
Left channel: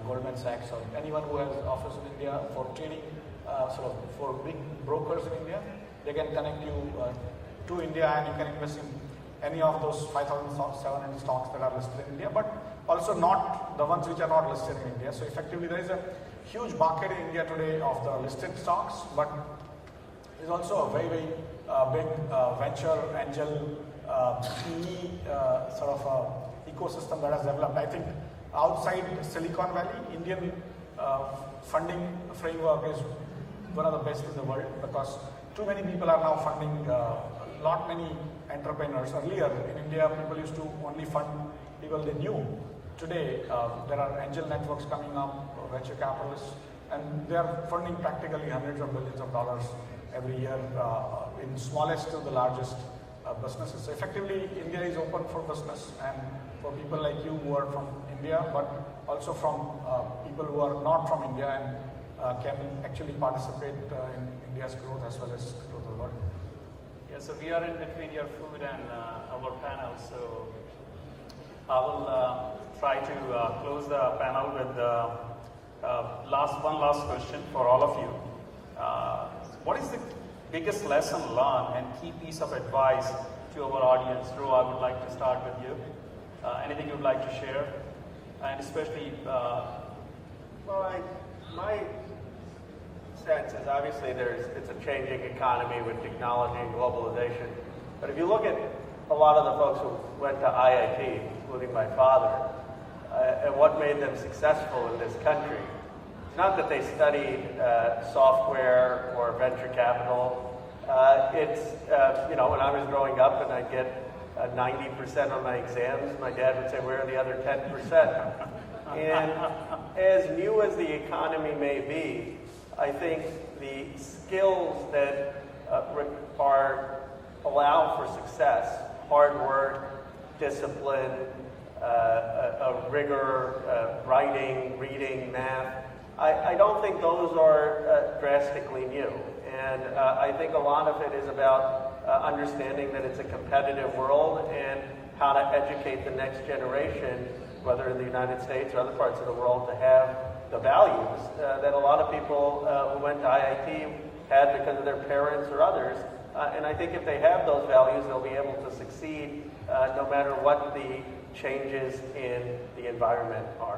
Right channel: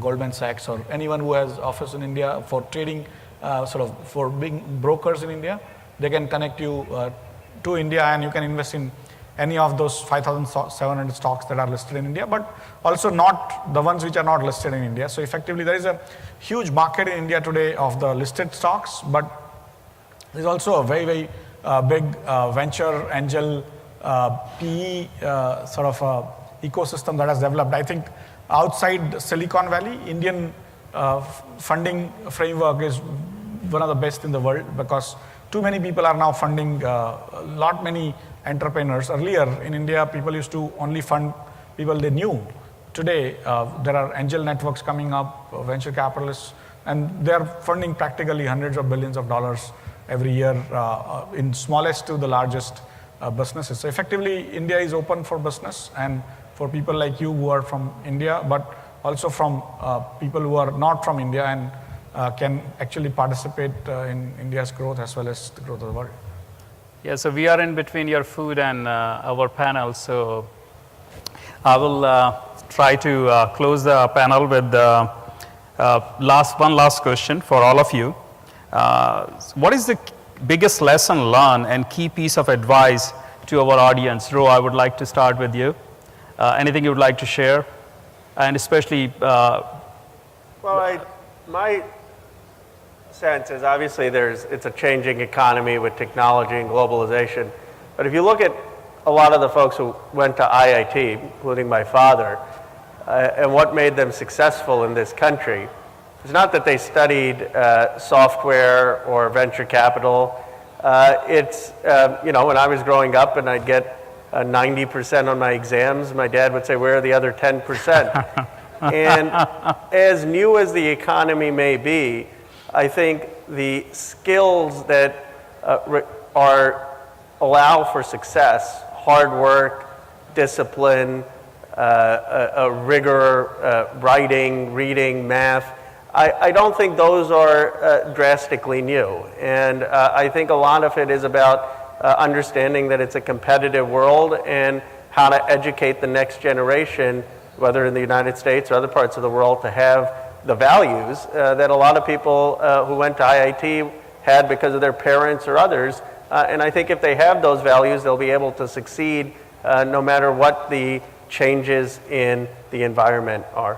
Goldman Sachs or anyone who has office in India for trading, for being brokers in India, they can connect you to India, and you can invest in any of those 5,700 stocks that are listed in India, but also not the ones which are not listed in India. So effectively there is a huge market in India today of the listed stocks, but there's also a very, very big venture angel PE ecosystem that has developed. I think outside Silicon Valley, Indian funding framework is one of the best in the world, because too many people are now funding lot many entrepreneurs. Earlier in India, people used to only fund people they knew. Today, there are angel networks coming up, venture capitalists, and they're funding practically hundreds of billions of dollars every year, in smallest to the largest businesses. So effectively, India is open for business, and for people like you who are from India, but also from people who are not from India and can actually participate in India's growth as well as the growth of the world. Yeah, so we are in between your food and our panel, so I will try to close the panel with one last question for all of you. What is the biggest lesson learned and key piece of advice to our audience? Ro, I would like to start with you. Anything you would like to share? And especially... my sense is obviously it's a changing economy with technology and globalization. But if you look at a lot of the folks who went to IIT, including my father, and what made them successful in this country, it's not that they studied software or venture capital. It's, when I was growing up and I'd get 90% on my exams, my dad would say, where are the other 10%? And as new as the economy may be, I think the skills that allow for success, hard work, discipline, a rigor, writing, reading, math, I don't think those are drastically new. And I think a lot of it is about understanding that it's a competitive world and how to educate the next generation, whether in the United States or other parts of the world, to have the values that a lot of people who went to IIT had because of their parents or others. And I think if they have those values, they'll be able to succeed no matter what the changes in the environment are.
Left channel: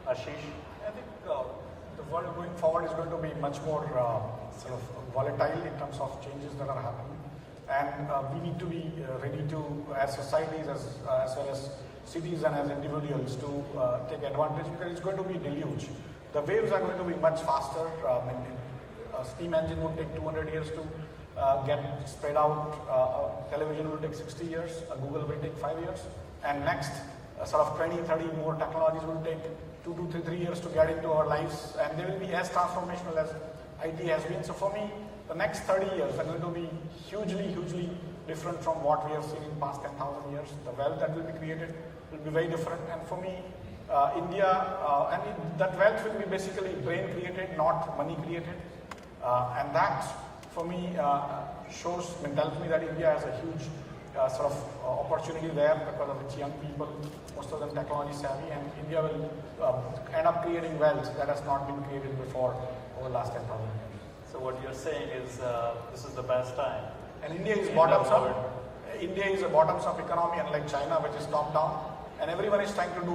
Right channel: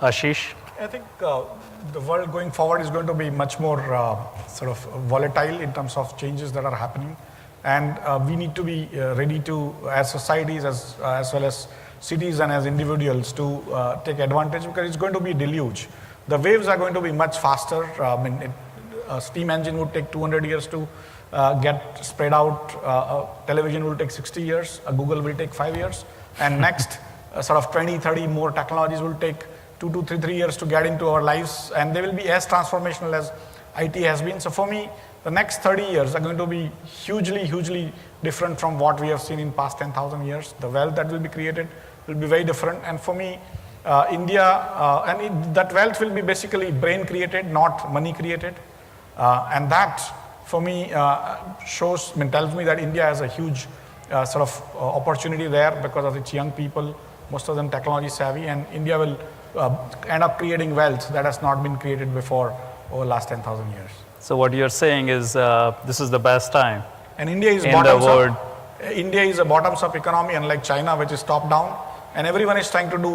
Ashish? I think the world going forward is going to be much more volatile in terms of changes that are happening. And we need to be ready to, as societies, as well as cities and as individuals, to take advantage, because it's going to be a deluge. The waves are going to be much faster. A steam engine would take 200 years to get spread out. A television will take 60 years. A Google will take 5 years. And next, sort of 20, 30 more technologies will take 2 to 3 years to get into our lives. And they will be as transformational as IT has been. So for me, the next 30 years are going to be hugely different from what we have seen in past 10,000 years. The wealth that will be created will be very different. And for me, India, that wealth will be basically brain created, not money created. And that, for me, tells me that India has a huge sort of opportunity there because of its young people, most of them technology savvy, and India will end up creating wealth that has not been created before over the last 10,000 years. So what you're saying is this is the best time. And India is in the world. India is a bottoms-up economy, unlike China, which is top-down. And everyone is trying to do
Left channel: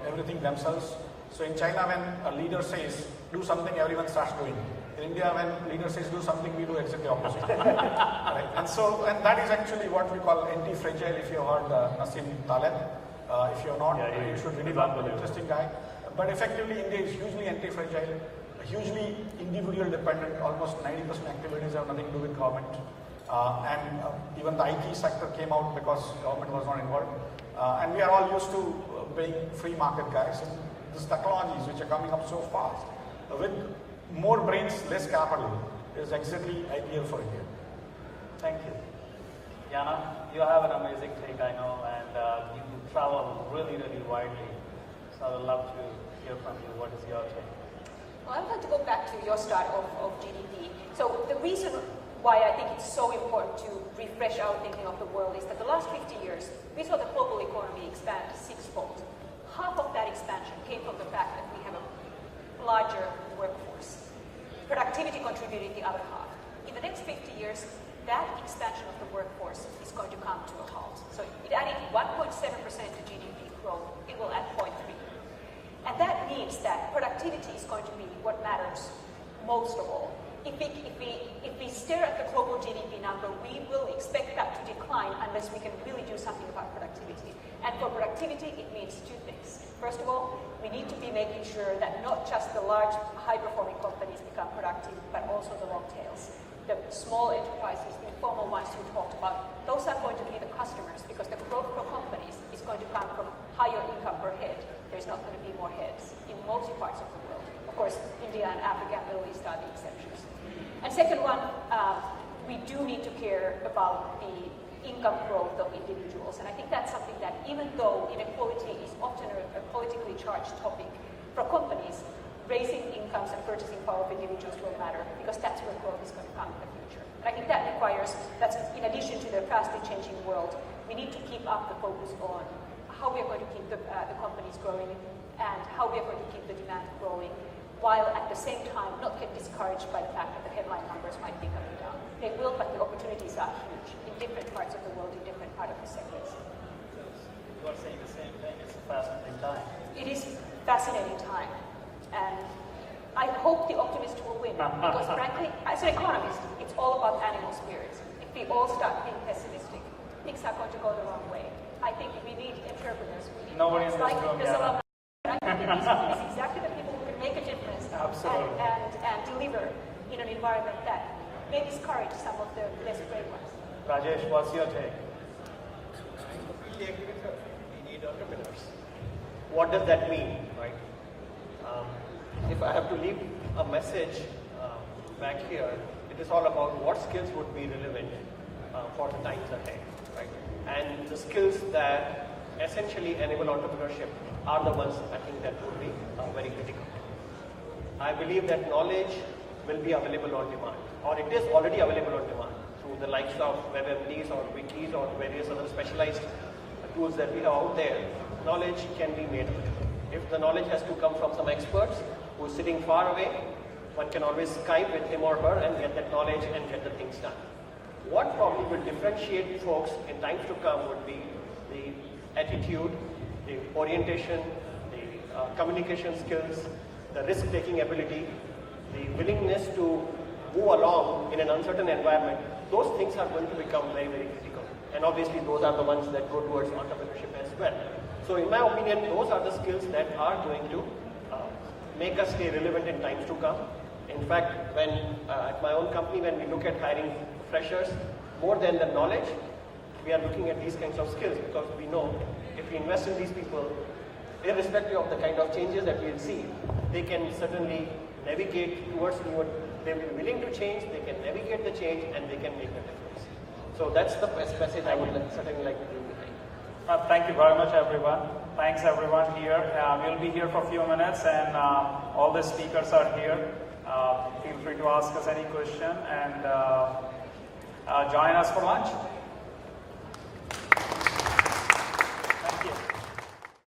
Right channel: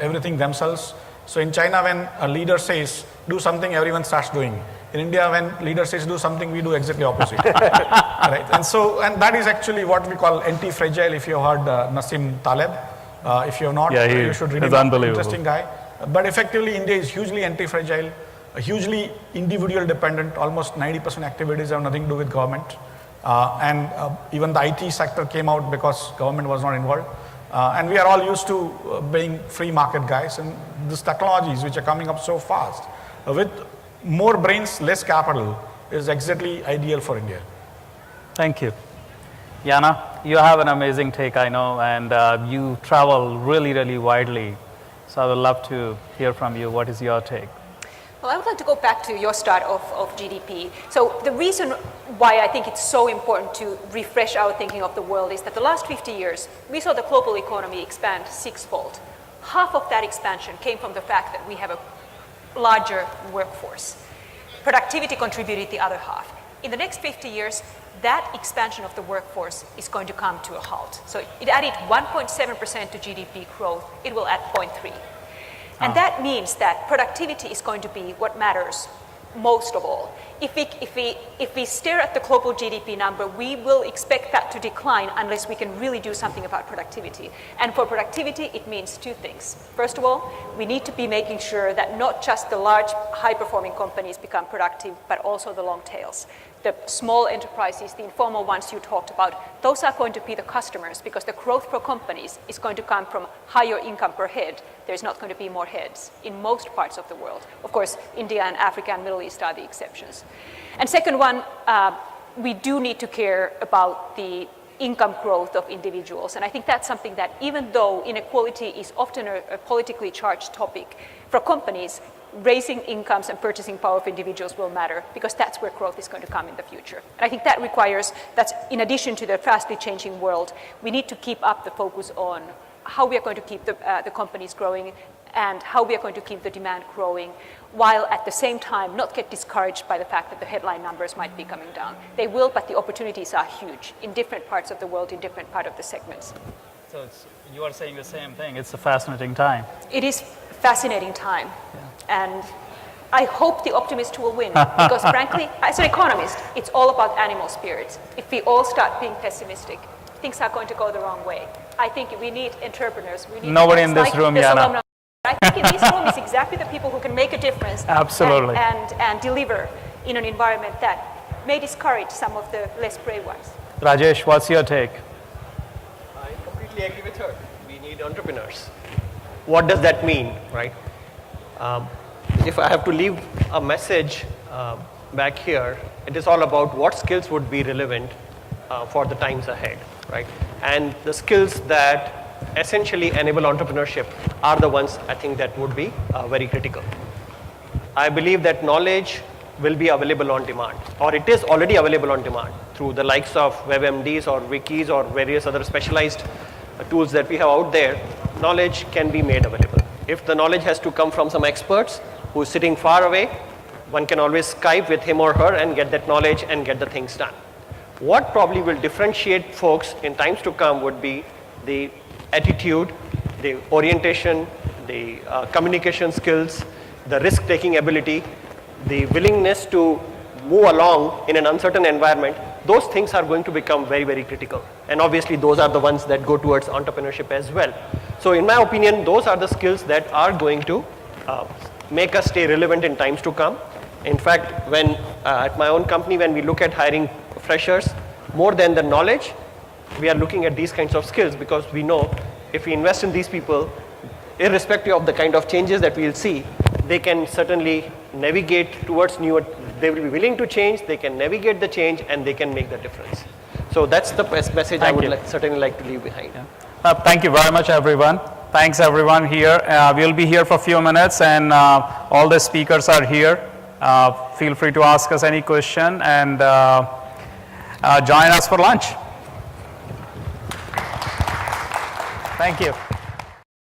everything themselves. So in China, when a leader says, do something, everyone starts doing. In India, when leader says do something, we do exactly opposite. Right? And that is actually what we call anti-fragile, if you heard Nassim Taleb. If you have not, you should read it. Unbelievable. Interesting guy. But effectively, India is hugely anti-fragile, hugely individual dependent. Almost 90% activities have nothing to do with government. Even the IT sector came out because government was not involved. And we are all used to being free market guys, and these technologies which are coming up so fast with more brains, less capital is exactly ideal for India. Thank you. Yana, you have an amazing take, I know, and you travel really widely. So I would love to hear from you. What is your take? Well, I would like to go back to your start of GDP. So the reason why I think it's so important to refresh our thinking of the world is that the last 50 years, we saw the global economy expand sixfold. Half of that expansion came from the fact that we have a larger workforce. Productivity contributed the other half. In the next 50 years, that expansion of the workforce is going to come to a halt. So it added 1.7% to GDP growth. It will add 0.3. And that means that productivity is going to be what matters most of all. If we stare at the global GDP number, we will expect that to decline unless we can really do something about productivity. And for productivity, it means two things. First of all, we need to be making sure that not just the large, high-performing companies become productive, but also the long tails. The small enterprises, the informal ones you talked about, those are going to be the customers because the growth for companies is going to come from higher income per head. There's not going to be more heads in most parts of the world. Of course, India and Africa and Middle East are the exceptions. And second one, we do need to care about the income growth of individuals. And I think that's something that even though inequality is often a politically charged topic, for companies, raising incomes and purchasing power of individuals will matter because that's where growth is going to come in the future. And I think that requires that in addition to the fastly changing world, we need to keep up the focus on how we are going to keep the companies growing and how we are going to keep the demand growing, while at the same time not get discouraged by the fact that the headline numbers might be coming down. They will, but the opportunities are huge in different parts of the world, in different parts of the segments. So you are saying the same thing. It's a fascinating time. It is fascinating time. And I hope the optimist will win because frankly, as an economist, it's all about animal spirits. If we all start being pessimistic, things are going to go the wrong way. I think we need entrepreneurs. We need nobody in this room, Yana. I think in this room is exactly the people who can make a difference. Absolutely. And deliver in an environment that may discourage some of the less brave ones. Rajesh, what's your take? I completely agree with her. We need entrepreneurs. What does that mean, right? If I have to leave a message back here, it is all about what skills would be relevant for the times ahead, right? And the skills that essentially enable entrepreneurship are the ones I think that would be very critical. I believe that knowledge will be available on demand, or it is already available on demand through the likes of WebMDs or wikis or various other specialized tools that we have out there. Knowledge can be made available. If the knowledge has to come from some experts who is sitting far away, one can always Skype with him or her and get that knowledge and get the things done. What probably will differentiate folks in times to come would be the attitude, the orientation, the communication skills, the risk-taking ability, the willingness to move along in an uncertain environment. Those things are going to become very, very critical. And obviously, those are the ones that go towards entrepreneurship as well. So in my opinion, those are the skills that are going to make us stay relevant in times to come. In fact, when at my own company, when we look at hiring freshers, more than the knowledge, we are looking at these kinds of skills, because we know if we invest in these people, irrespective of the kind of changes that we'll see, they can certainly navigate towards newer, they will be willing to change, they can navigate the change, and they can make the difference. So that's the best message I would certainly like to leave behind. Thank you very much, everyone. Thanks, everyone here. We'll be here for a few minutes, and all the speakers are here. Feel free to ask us any question, and join us for lunch. Thank you.